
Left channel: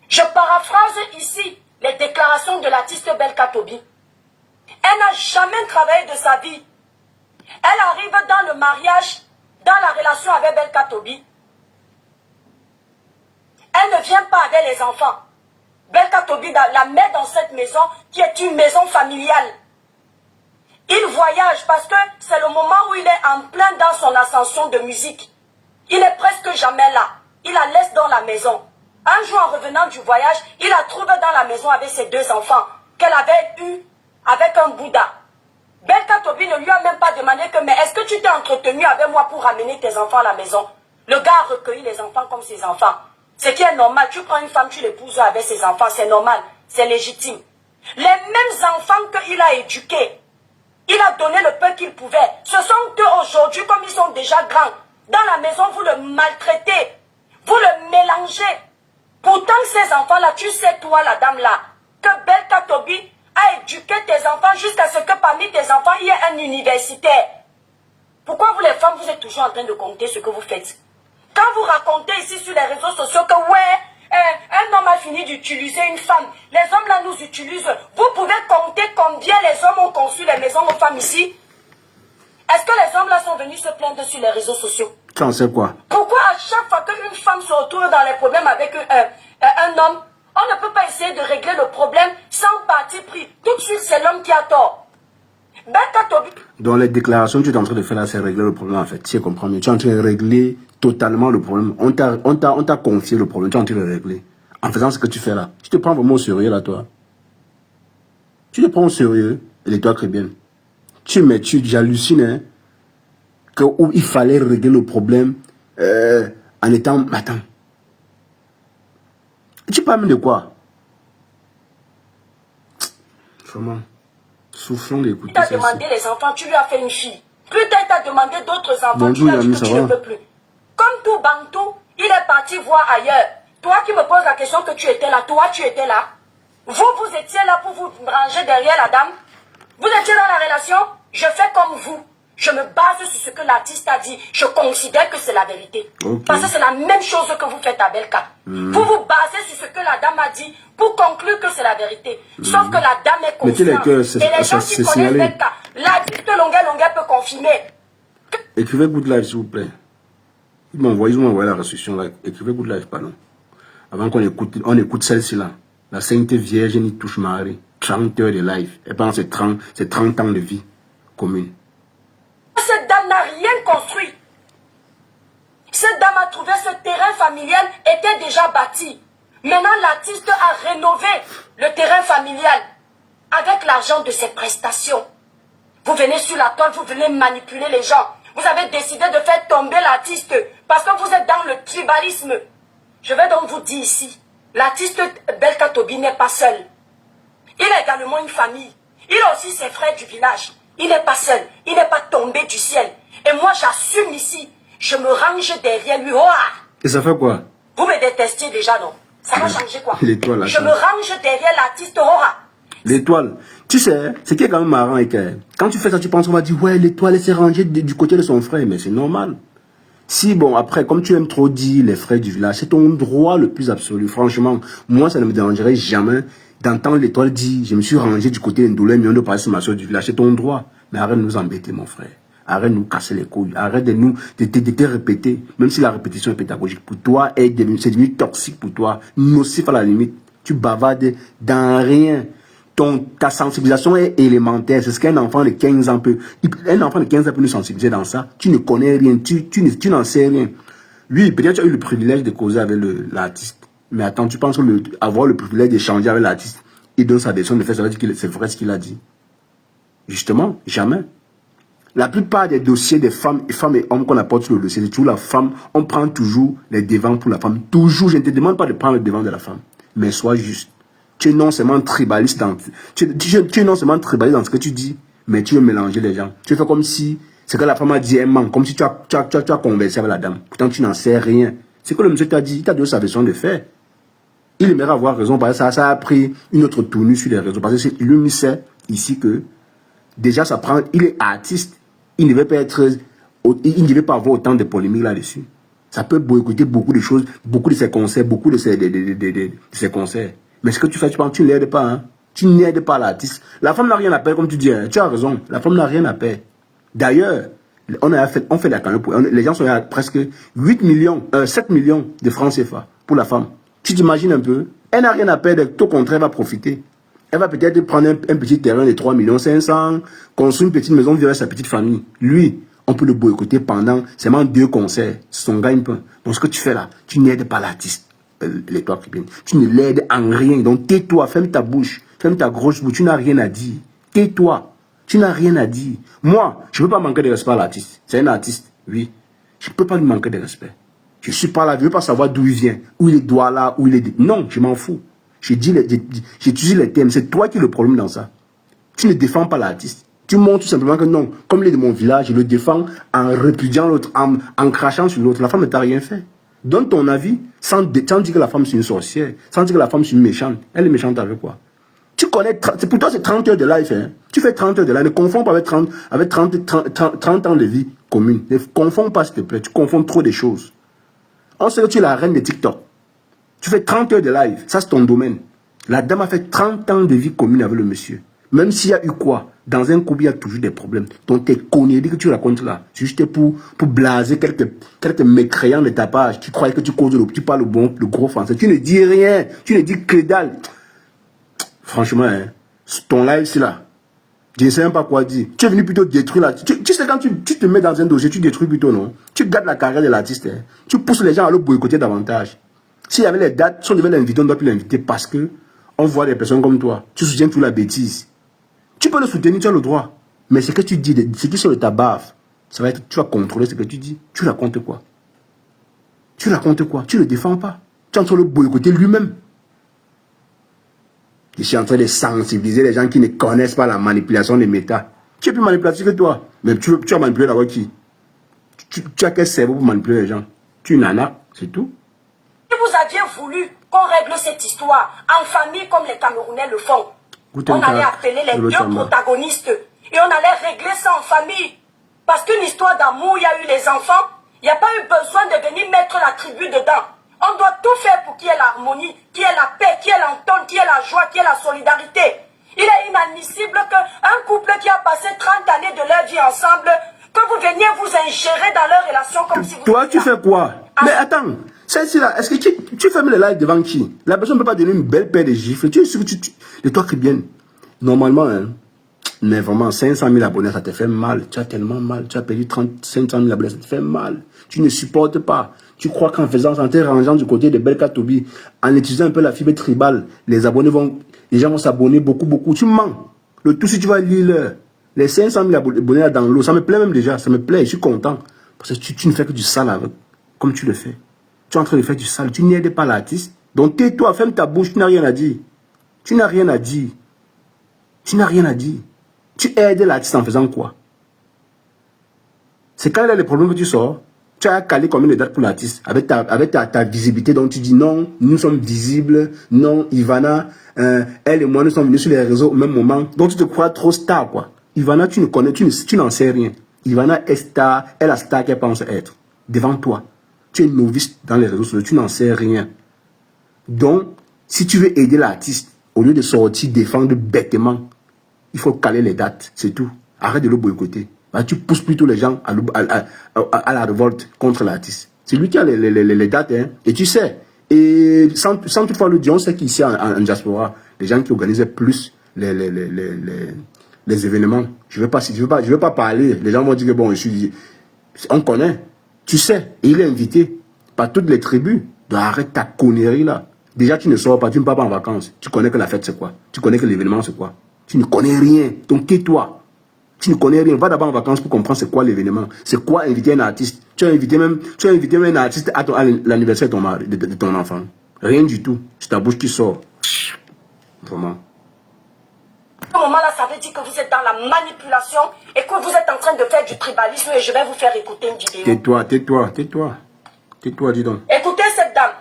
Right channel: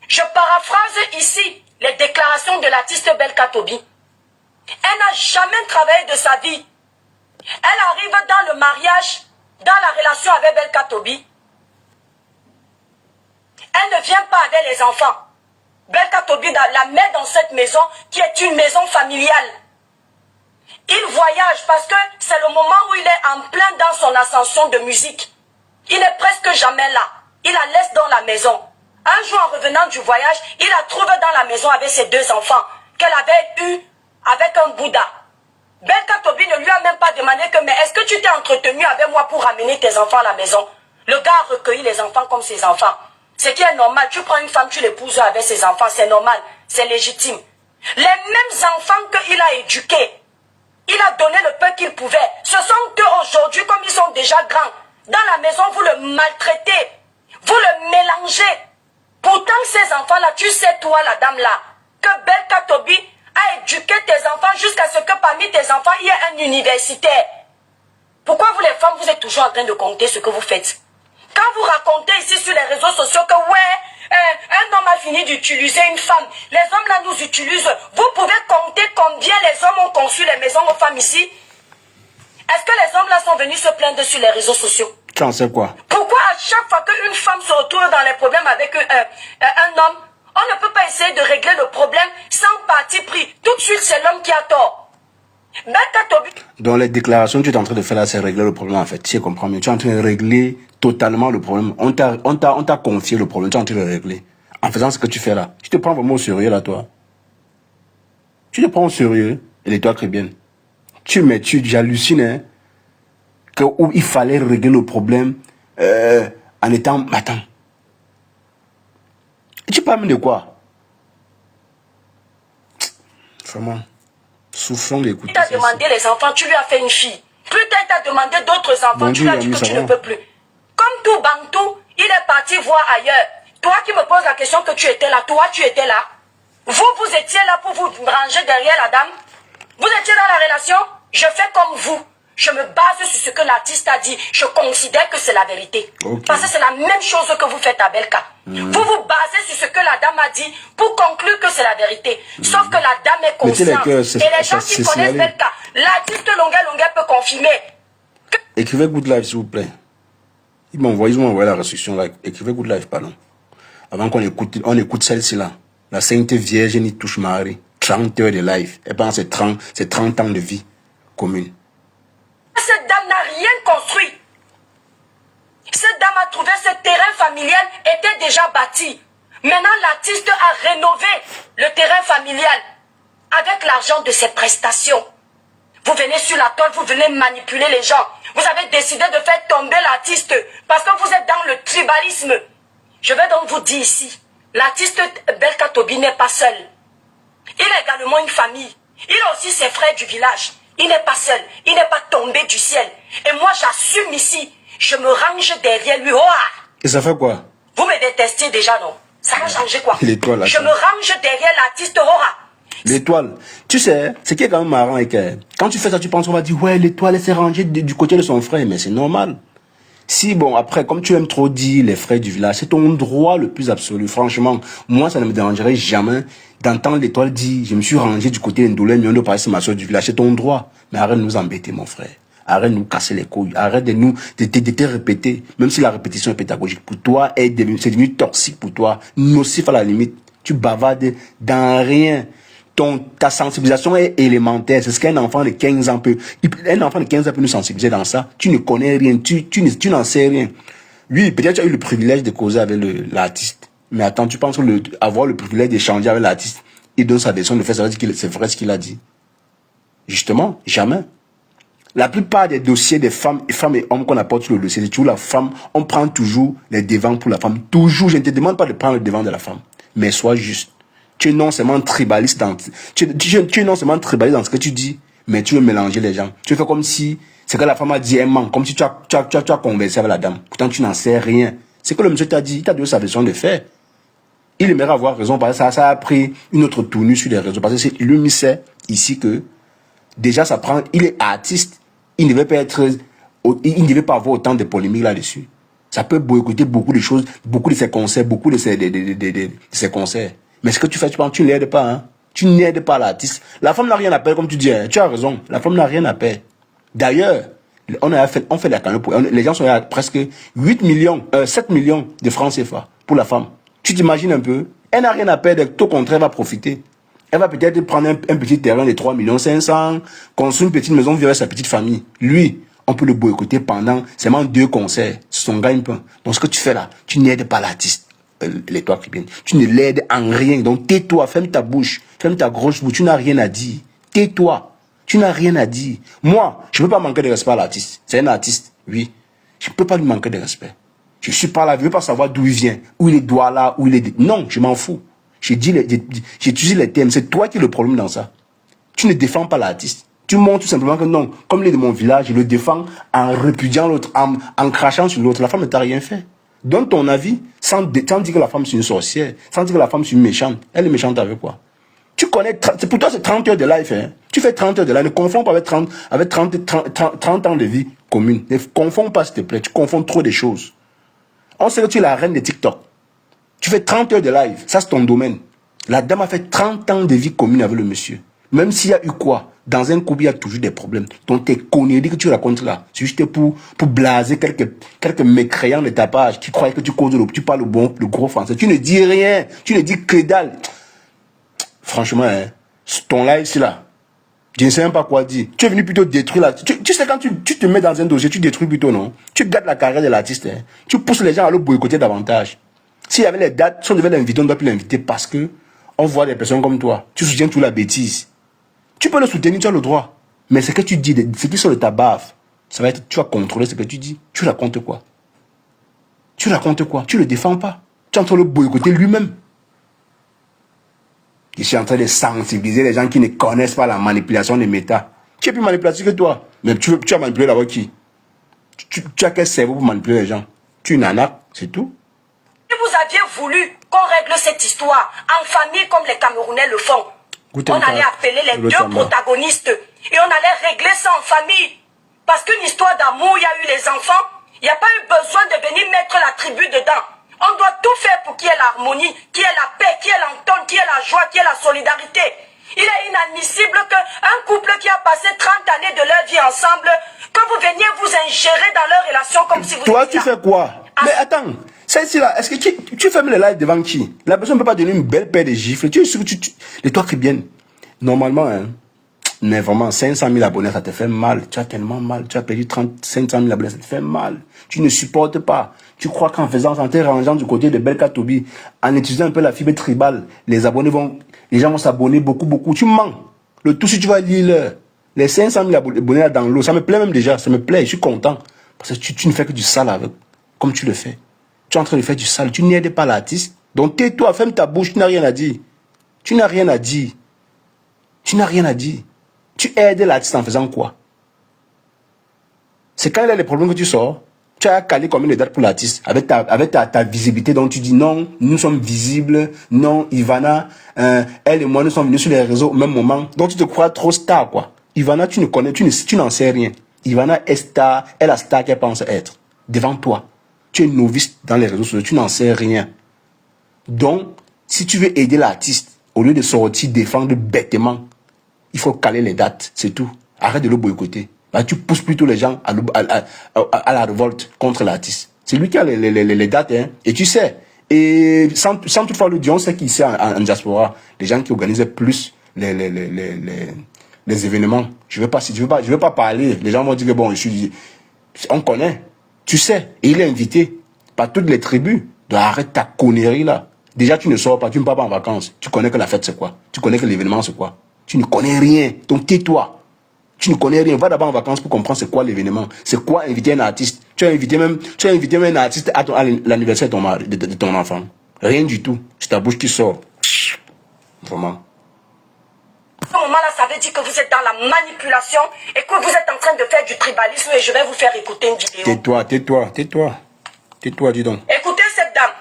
Je paraphrase ici les déclarations de l'artiste Belka Tobi. Elle n'a jamais travaillé de sa vie. Elle arrive dans le mariage, dans la relation avec Belka Tobi. Elle ne vient pas avec les enfants. Belka Tobi la met dans cette maison qui est une maison familiale. Il voyage parce que c'est le moment où il est en plein dans son ascension de musique. Il n'est presque jamais là. Il la laisse dans la maison. Un jour, en revenant du voyage, il a trouvé dans la maison avec ses 2 enfants qu'elle avait eu avec un Bouddha. Belka Tobi ne lui a même pas demandé que, mais est-ce que tu t'es entretenu avec moi pour ramener tes enfants à la maison? Le gars a recueilli les enfants comme ses enfants. Ce qui est normal, tu prends une femme, tu l'épouses avec ses enfants, c'est normal, c'est légitime. Les mêmes enfants qu'il a éduqués, il a donné le peu qu'il pouvait. Ce sont eux aujourd'hui, comme ils sont déjà grands. Dans la maison, vous le maltraitez, vous le mélangez. Pourtant, ces enfants-là, tu sais, toi, la dame-là, que Belka Tobi a éduqué tes enfants jusqu'à ce que parmi tes enfants, il y ait un universitaire. Pourquoi vous, les femmes, vous êtes toujours en train de compter ce que vous faites? Quand vous racontez ici sur les réseaux sociaux que, ouais, un homme a fini d'utiliser une femme, les hommes là nous utilisent, vous pouvez compter combien les hommes ont conçu les maisons aux femmes ici? Est-ce que les hommes là sont venus se plaindre sur les réseaux sociaux? Tu en sais quoi? Pourquoi à chaque fois qu'une femme se retrouve dans les problèmes avec un homme, on ne peut pas essayer de régler le problème sans parti pris? Tout de suite, c'est l'homme qui a tort. Dans les déclarations que tu es en train de faire là, c'est régler le problème en fait. Tu comprends mieux. Tu es en train de régler totalement le problème. On t'a confié le problème, tu es en train de le régler. En faisant ce que tu fais là. Tu te prends vraiment au sérieux là, toi. Tu te prends au sérieux, et toi très bien. J'hallucine, hein, où il fallait régler le problème en étant... Attends. Et tu parles de quoi? Vraiment. Souffrons d'écouter. Tu as demandé les enfants, tu lui as fait une fille. Plus tard, tu as demandé d'autres enfants, tu lui as dit que tu ne peux plus. Comme tout Bantou, il est parti voir ailleurs. Toi qui me poses la question que tu étais là, toi tu étais là. Vous étiez là pour vous ranger derrière la dame. Vous étiez dans la relation, je fais comme vous. Je me base sur ce que l'artiste a dit. Je considère que c'est la vérité. Okay. Parce que c'est la même chose que vous faites à Belka. Vous vous basez sur ce que la dame a dit pour conclure que c'est la vérité. Sauf que la dame est consciente. Et les gens qui connaissent Belka, l'artiste Longa peut confirmer. Écrivez Good Life, s'il vous plaît. Ils m'ont envoyé la restriction là. Écrivez Good Life, pardon. Avant qu'on écoute celle-ci là. La Sainte Vierge n'y touche Marie. 30 heures de live. Et pendant ces 30 ans de vie commune. Cette dame n'a rien construit. Cette dame a trouvé ce terrain familial était déjà bâti. Maintenant, l'artiste a rénové le terrain familial avec l'argent de ses prestations. Vous venez sur la toile, vous venez manipuler les gens. Vous avez décidé de faire tomber l'artiste parce que vous êtes dans le tribalisme. Je vais donc vous dire ici, l'artiste Belka Tobi n'est pas seul. Il a également une famille. Il a aussi ses frères du village. Il n'est pas seul. Il n'est pas tombé du ciel. Et moi, j'assume ici. Je me range derrière lui. Oh! Et ça fait quoi? Vous me détestez déjà, non? Ça va changer quoi? L'étoile, là. Je me range derrière l'artiste Aura. L'étoile. Tu sais, ce qui est quand même marrant et que quand tu fais ça, tu penses qu'on va dire, ouais, l'étoile, elle s'est rangée du côté de son frère. Mais c'est normal. Si, bon, après, comme tu aimes trop dire les frères du village, c'est ton droit le plus absolu. Franchement, moi, ça ne me dérangerait jamais d'entendre l'étoile dire, je me suis rangé du côté d'Indolé, mais on doit passer ma soeur du village. C'est ton droit. Mais arrête de nous embêter, mon frère. Arrête de nous casser les couilles. Arrête de te répéter. Même si la répétition est pédagogique pour toi, c'est devenu toxique pour toi. Nocif à la limite. Tu bavardes dans rien. Ta sensibilisation est élémentaire. C'est ce qu'un enfant de 15 ans peut... Un enfant de 15 ans peut nous sensibiliser dans ça. Tu ne connais rien. Tu n'en sais rien. Lui, peut-être tu as eu le privilège de causer avec l'artiste. Mais attends, tu penses que avoir le privilège d'échanger avec l'artiste, il donne sa décision de faire, ça veut dire que c'est vrai ce qu'il a dit. Justement, jamais. La plupart des dossiers des femmes et hommes qu'on apporte sur le dossier, c'est toujours la femme. On prend toujours les devants pour la femme. Toujours. Je ne te demande pas de prendre le devant de la femme. Mais sois juste. Tu es non seulement tribaliste dans ce que tu dis, mais tu veux mélanger les gens. Tu fais comme si ce que la femme a dit est manque, comme si tu as conversé avec la dame. Pourtant, tu n'en sais rien. C'est que le monsieur t'a dit, il t'a donné sa version de faire. Il aimerait avoir raison, parce que ça a pris une autre tournure sur les réseaux. Parce que lui sait ici que déjà il est artiste. Il ne devait pas avoir autant de polémiques là-dessus. Ça peut boycotter beaucoup de choses, beaucoup de ses concerts, beaucoup de ses concerts. Mais ce que tu fais, tu n'aides pas, hein. Tu n'aides pas l'artiste. La femme n'a rien à perdre, comme tu dis, hein. Tu as raison. La femme n'a rien à perdre. D'ailleurs, on fait la cagnotte les gens sont à presque 7 millions de francs CFA pour la femme. Tu t'imagines un peu? Elle n'a rien à perdre, tout au contraire, elle va profiter. Elle va peut-être prendre un petit terrain de 3,5 millions, construire une petite maison, vivre avec sa petite famille. Lui, on peut le boycotter pendant seulement 2 concerts. C'est son gagne-pain. Donc ce que tu fais là, tu n'aides pas l'artiste. l'étoile chrétienne. Tu ne l'aides en rien. Donc tais-toi, ferme ta bouche, ferme ta grosse bouche. Tu n'as rien à dire. Tais-toi. Tu n'as rien à dire. Moi, je ne peux pas manquer de respect à l'artiste. C'est un artiste, oui. Je ne peux pas lui manquer de respect. Je suis pas là, je ne veux pas savoir d'où il vient, où il est doigt là, où il est... Non, je m'en fous. J'ai utilisé les termes. C'est toi qui es le problème dans ça. Tu ne défends pas l'artiste. Tu montres tout simplement que non, comme il est de mon village, je le défends en répudiant l'autre, en crachant sur l'autre. La femme ne t'a rien fait. Donne ton avis sans dire que la femme c'est une sorcière, sans dire que la femme c'est une méchante. Elle est méchante avec quoi? Tu connais, pour toi c'est 30 heures de life. Hein? Tu fais 30 heures de life. Ne confonds pas avec 30 ans de vie commune. Ne confonds pas s'il te plaît. Tu confonds trop des choses. On sait que tu es la reine de TikTok. Tu fais 30 heures de live. Ça c'est ton domaine. La dame a fait 30 ans de vie commune avec le monsieur. Même s'il y a eu quoi, dans un couple, il y a toujours des problèmes. Donc tes conneries que tu racontes là, c'est juste pour blaser quelques mécréants de ta page qui croient que tu causes tu parles le gros français. Tu ne dis rien, tu ne dis que dalle. Franchement, hein, ton live c'est là. Je ne sais même pas quoi dire. Tu es venu plutôt détruire là. Tu sais quand tu te mets dans un dossier, tu détruis plutôt, non? Tu gardes la carrière de l'artiste. Hein. Tu pousses les gens à le boycotter davantage. S'il y avait les dates, si on devait l'inviter, on ne doit plus l'inviter parce que on voit des personnes comme toi. Tu soutiens toute la bêtise. Tu peux le soutenir, tu as le droit. Mais ce que tu dis, ce qui sort de ta baffe, ça va être, tu vas contrôler ce que tu dis. Tu racontes quoi? Tu racontes quoi? Tu ne le défends pas. Tu es en train de le boycotter lui-même. Je suis en train de sensibiliser les gens qui ne connaissent pas la manipulation des méta. Tu es plus manipulatif que toi. Mais tu as manipulé d'abord qui? Tu as quel cerveau pour manipuler les gens? Tu es une nana, c'est tout. Si vous aviez voulu qu'on règle cette histoire en famille comme les Camerounais le font, on allait appeler les deux protagonistes et on allait régler ça en famille. Parce qu'une histoire d'amour, il y a eu les enfants, il n'y a pas eu besoin de venir mettre la tribu dedans. On doit tout faire pour qu'il y ait l'harmonie, qu'il y ait la paix, qu'il y ait l'entente, qu'il y ait la joie, qu'il y ait la solidarité. Il est inadmissible qu'un couple qui a passé 30 années de leur vie ensemble, que vous veniez vous ingérer dans leur relation comme si vous... Toi, tu fais quoi? Mais attends, celle-ci là, est-ce que tu fermes le live devant qui? La personne ne peut pas donner une belle paire de gifles. Tu es sûr que les toi qui viennent. Normalement, hein, mais vraiment, 500 000 abonnés, ça te fait mal. Tu as tellement mal. Tu as perdu 500 000 abonnés, ça te fait mal. Tu ne supportes pas. Tu crois qu'en faisant ça, en te rangeant du côté de Belka Tobi, en utilisant un peu la fibre tribale, les gens vont s'abonner beaucoup. Tu mens. Le tout, si tu vas lire les 500 000 abonnés là dans l'eau, ça me plaît même déjà. Ça me plaît, je suis content. Parce que tu ne fais que du sale avec. Comme tu le fais. Tu es en train de faire du sale. Tu n'aides pas l'artiste. Donc tais-toi, ferme ta bouche, tu n'as rien à dire. Tu n'as rien à dire. Tu n'as rien à dire. Tu aides l'artiste en faisant quoi? C'est quand il y a des problèmes que tu sors. Tu as calé combien de dates pour l'artiste avec ta visibilité. Donc tu dis non, nous sommes visibles. Non, Ivana, elle et moi, nous sommes venus sur les réseaux au même moment. Donc tu te crois trop star, quoi. Ivana, tu n'en sais rien. Ivana est star, est la star qu'elle pense être. Devant toi. Tu es novice dans les réseaux sociaux, tu n'en sais rien. Donc, si tu veux aider l'artiste, au lieu de sortir, défendre bêtement, il faut caler les dates, c'est tout. Arrête de le boycotter. Bah, tu pousses plutôt les gens à la révolte contre l'artiste. C'est lui qui a les dates, hein, et tu sais. Et sans toutefois le dire, on sait qu'ici en diaspora, les gens qui organisent plus les événements, je veux pas parler. Les gens vont dire que bon, on connaît. Tu sais, et il est invité par toutes les tribus. Donc arrête ta connerie là. Déjà, tu ne sors pas, tu ne pars pas en vacances. Tu connais que la fête c'est quoi? Tu connais que l'événement c'est quoi? Tu ne connais rien. Donc tais-toi. Tu ne connais rien. Va d'abord en vacances pour comprendre c'est quoi l'événement. C'est quoi inviter un artiste. Tu as invité même un artiste à l'anniversaire de ton enfant. Rien du tout. C'est ta bouche qui sort. Vraiment. À ce moment-là, ça veut dire que vous êtes dans la manipulation et que vous êtes en train de faire du tribalisme et je vais vous faire écouter une vidéo. Tais-toi, dis donc. Écoutez cette dame.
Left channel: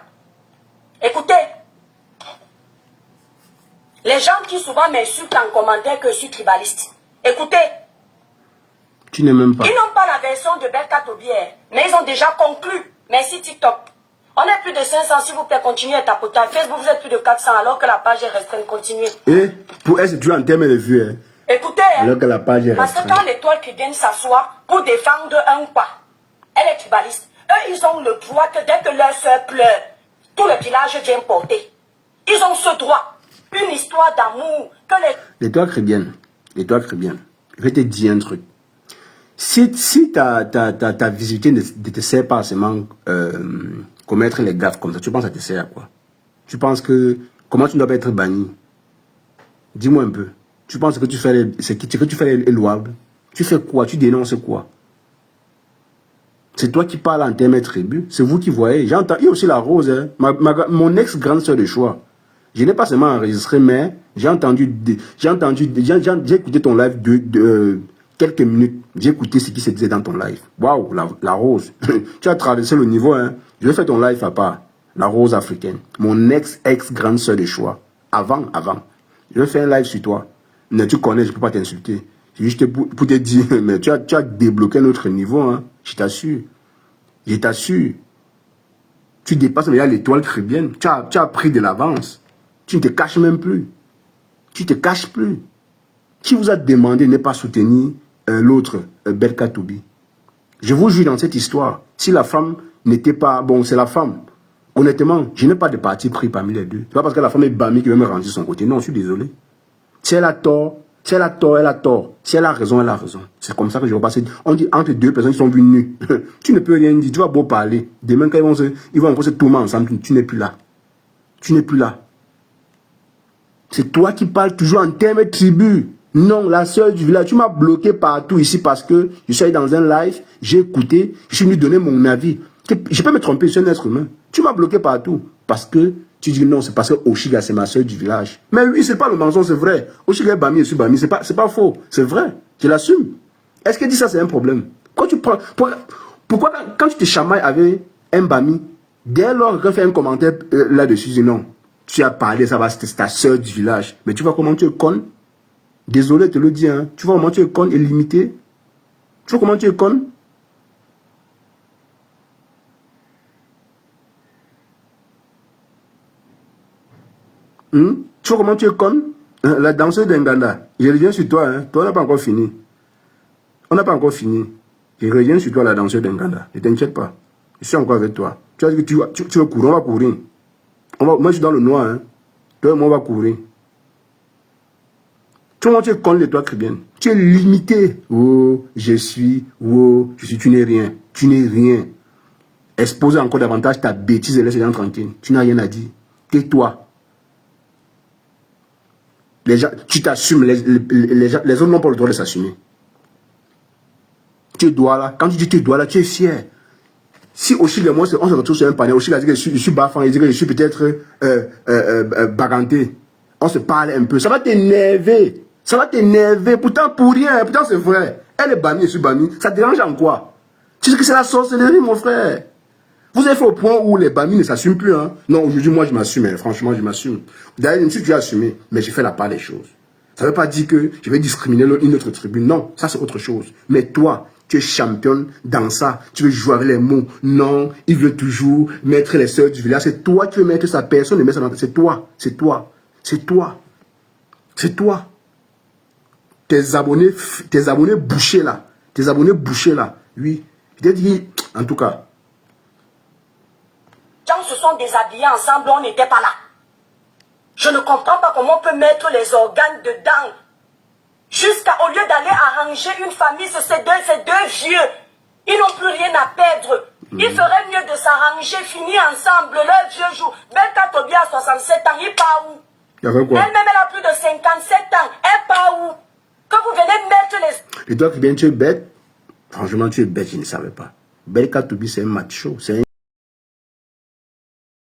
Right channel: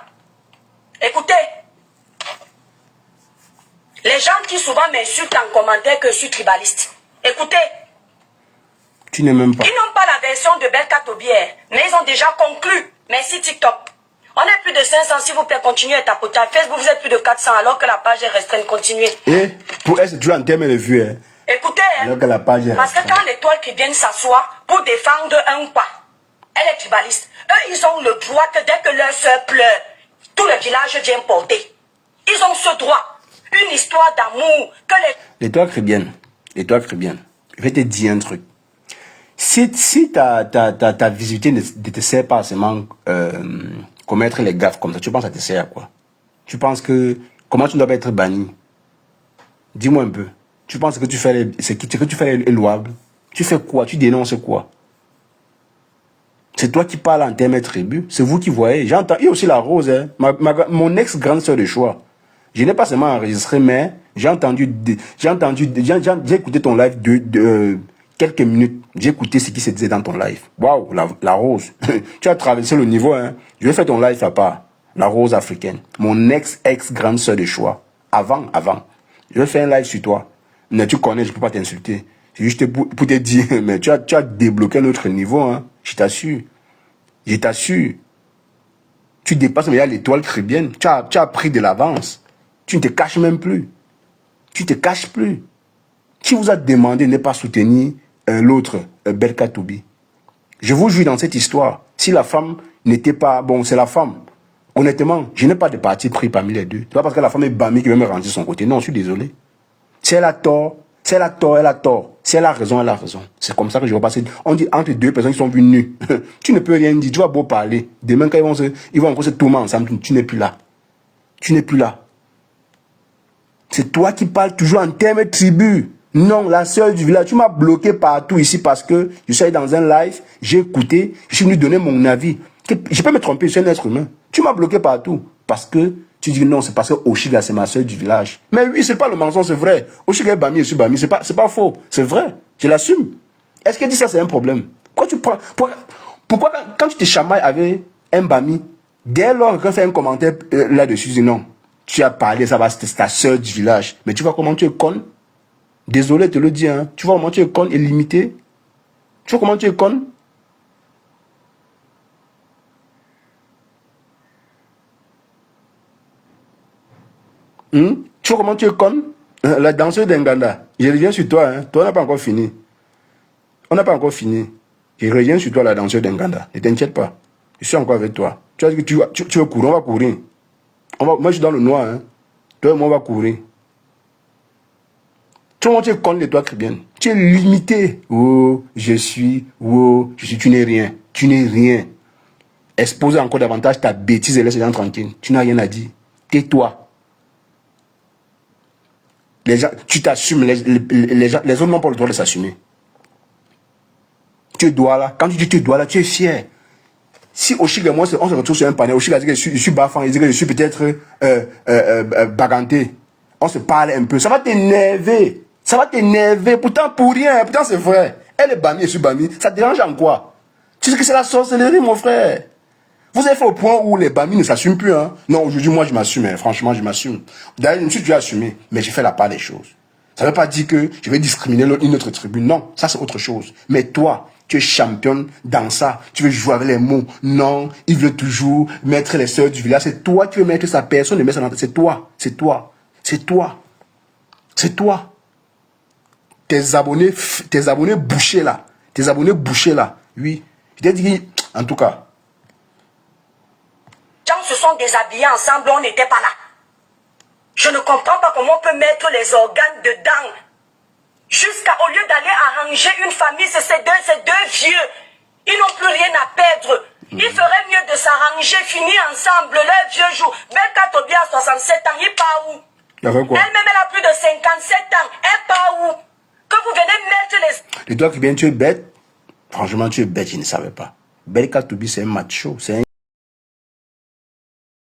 Écoutez. Les gens qui souvent m'insultent en commentaire que je suis tribaliste. Écoutez. Tu n'es même pas. Ils n'ont pas la version de Belka Tobi, mais ils ont déjà conclu. Merci TikTok. On est plus de 500, s'il vous plaît, continuez à tapoter. Facebook, vous êtes plus de 400 alors que la page est restreinte. Continuez. Et pour elle, c'est dur en termes de vues. Hein. Écoutez, alors que la page est parce que restreinte. quand l'étoile qui vient s'asseoir pour défendre un pas, elle est tribaliste. Eux, ils ont le droit que dès que leur soeur pleure, tout le village vient porter. Ils ont ce droit. Une histoire d'amour que les... L'étoile chrétienne. Je vais te dire un truc. Si ta visibilité ne te sert pas seulement commettre les gaffes comme ça, tu penses que ça te sert à quoi? Tu penses que... Comment tu ne dois pas être banni? Dis-moi un peu. Tu penses que tu fais ce que tu fais est louable? Tu fais quoi? Tu dénonces quoi? C'est toi qui parles en termes tribus. C'est vous qui voyez. J'entends. Il y a aussi la Rose. Hein. Mon ex-grande sœur de choix. Je n'ai pas seulement enregistré, mais j'ai écouté ton live de quelques minutes. J'ai écouté ce qui se disait dans ton live. Waouh, la Rose. Tu as traversé le niveau. Hein. Je vais faire ton live à part. La Rose africaine. Mon ex-grande sœur de choix. Avant. Je vais faire un live sur toi. Mais tu connais, je ne peux pas t'insulter. C'est juste pour te dire, mais tu as débloqué un autre niveau. Hein. Je t'assure. Je t'assure. Tu dépasses mais il y a l'étoile caribéenne. Tu as pris de l'avance. Tu ne te caches même plus. Tu ne te caches plus. Qui vous a demandé de ne pas soutenir l'autre, Belka Tobi? Je vous jure dans cette histoire, si la femme n'était pas... Bon, c'est la femme. Honnêtement, je n'ai pas de parti pris parmi les deux. C'est pas parce que la femme est bamée qui veut me rendre de son côté. Non, je suis désolé. Si elle a tort, elle a tort. Si elle a raison, elle a raison. C'est comme ça que je vais passer. On dit entre deux personnes qui sont vues nues. Tu ne peux rien dire. Tu vas beau parler. Demain, quand ils vont encore se tourner ensemble, tu n'es plus là. Tu n'es plus là. C'est toi qui parles toujours en termes tribus. Non, la sœur du village, tu m'as bloqué partout ici parce que je suis allé dans un live, j'ai écouté, je suis venu donner mon avis. Je peux me tromper, je suis un être humain. Tu m'as bloqué partout parce que tu dis non, c'est parce que Oshiga, c'est ma sœur du village. Mais oui, c'est pas le mensonge, c'est vrai. Oshiga est Bami, je suis Bami, c'est pas faux, c'est vrai, je l'assume. Est-ce que dit ça, c'est un problème? Pourquoi quand tu te chamailles avec un Bami, dès lors qu'on fait un commentaire là-dessus, tu dis non, tu as parlé, ça va, c'était ta sœur du village. Mais tu vois comment tu es con? Désolé de te le dire, hein. Tu vois comment tu es con et limité? Tu vois comment tu es con? Tu vois comment tu es con? La danseuse d'Enganda. Je reviens sur toi, hein. Toi, on n'a pas encore fini. On n'a pas encore fini. Je reviens sur toi, la danseuse d'Enganda. Ne t'inquiète pas. Je suis encore avec toi. Tu vas dire que tu veux courir, on va courir. Moi, je suis dans le noir, hein. Toi et moi, on va courir. Tu vois, tu es con, les toi très bien. Tu es limité. Oh, je suis, tu n'es rien. Tu n'es rien. Expose encore davantage ta bêtise et laisse les gens tranquilles. Tu n'as rien à dire. Tais-toi. Les gens, tu t'assumes. Les autres n'ont pas le droit de s'assumer. Tu dois là. Quand tu dis tu dois là, tu es fier. Si Oshiga et moi, on se retrouve sur un panel, Oshiga dit que je suis bafant, il dit que je suis peut-être baganté. On se parle un peu. Ça va t'énerver. Ça va t'énerver. Pourtant, pour rien. Pourtant, c'est vrai. Elle est Bami, je suis Bami. Ça te dérange en quoi? Tu sais que c'est la sorcellerie, mon frère. Vous avez fait au point où les Bami ne s'assument plus. Hein? Non, aujourd'hui, moi, je m'assume. Hein. Franchement, je m'assume. D'ailleurs, je me suis déjà assumé. Mais j'ai fait la part des choses. Ça ne veut pas dire que je vais discriminer une autre tribune. Non, ça, c'est autre chose. Mais toi, tu es championne dans ça. Tu veux jouer avec les mots. Non, il veut toujours mettre les sœurs du village. C'est toi qui veux mettre sa personne. Ne met ça dans... C'est toi. C'est toi. C'est toi. C'est toi. Tes abonnés bouchés là. Tes abonnés bouchés là. Oui. Je t'ai dit, en tout cas. Les gens se sont déshabillés ensemble, on n'était pas là. Je ne comprends pas comment on peut mettre les organes dedans. Au lieu d'aller arranger une famille, c'est ces deux vieux. Ils n'ont plus rien à perdre. Il ferait mieux de s'arranger, finir ensemble leur vieux jour. Belka Tobi a 67 ans, il part où? Elle-même, elle a plus de 57 ans. Elle part où? Quand vous venez mettre les... Et toi, bien, tu es bête. Franchement, tu es bête, je ne savais pas. Belka Tobi, c'est un macho. C'est un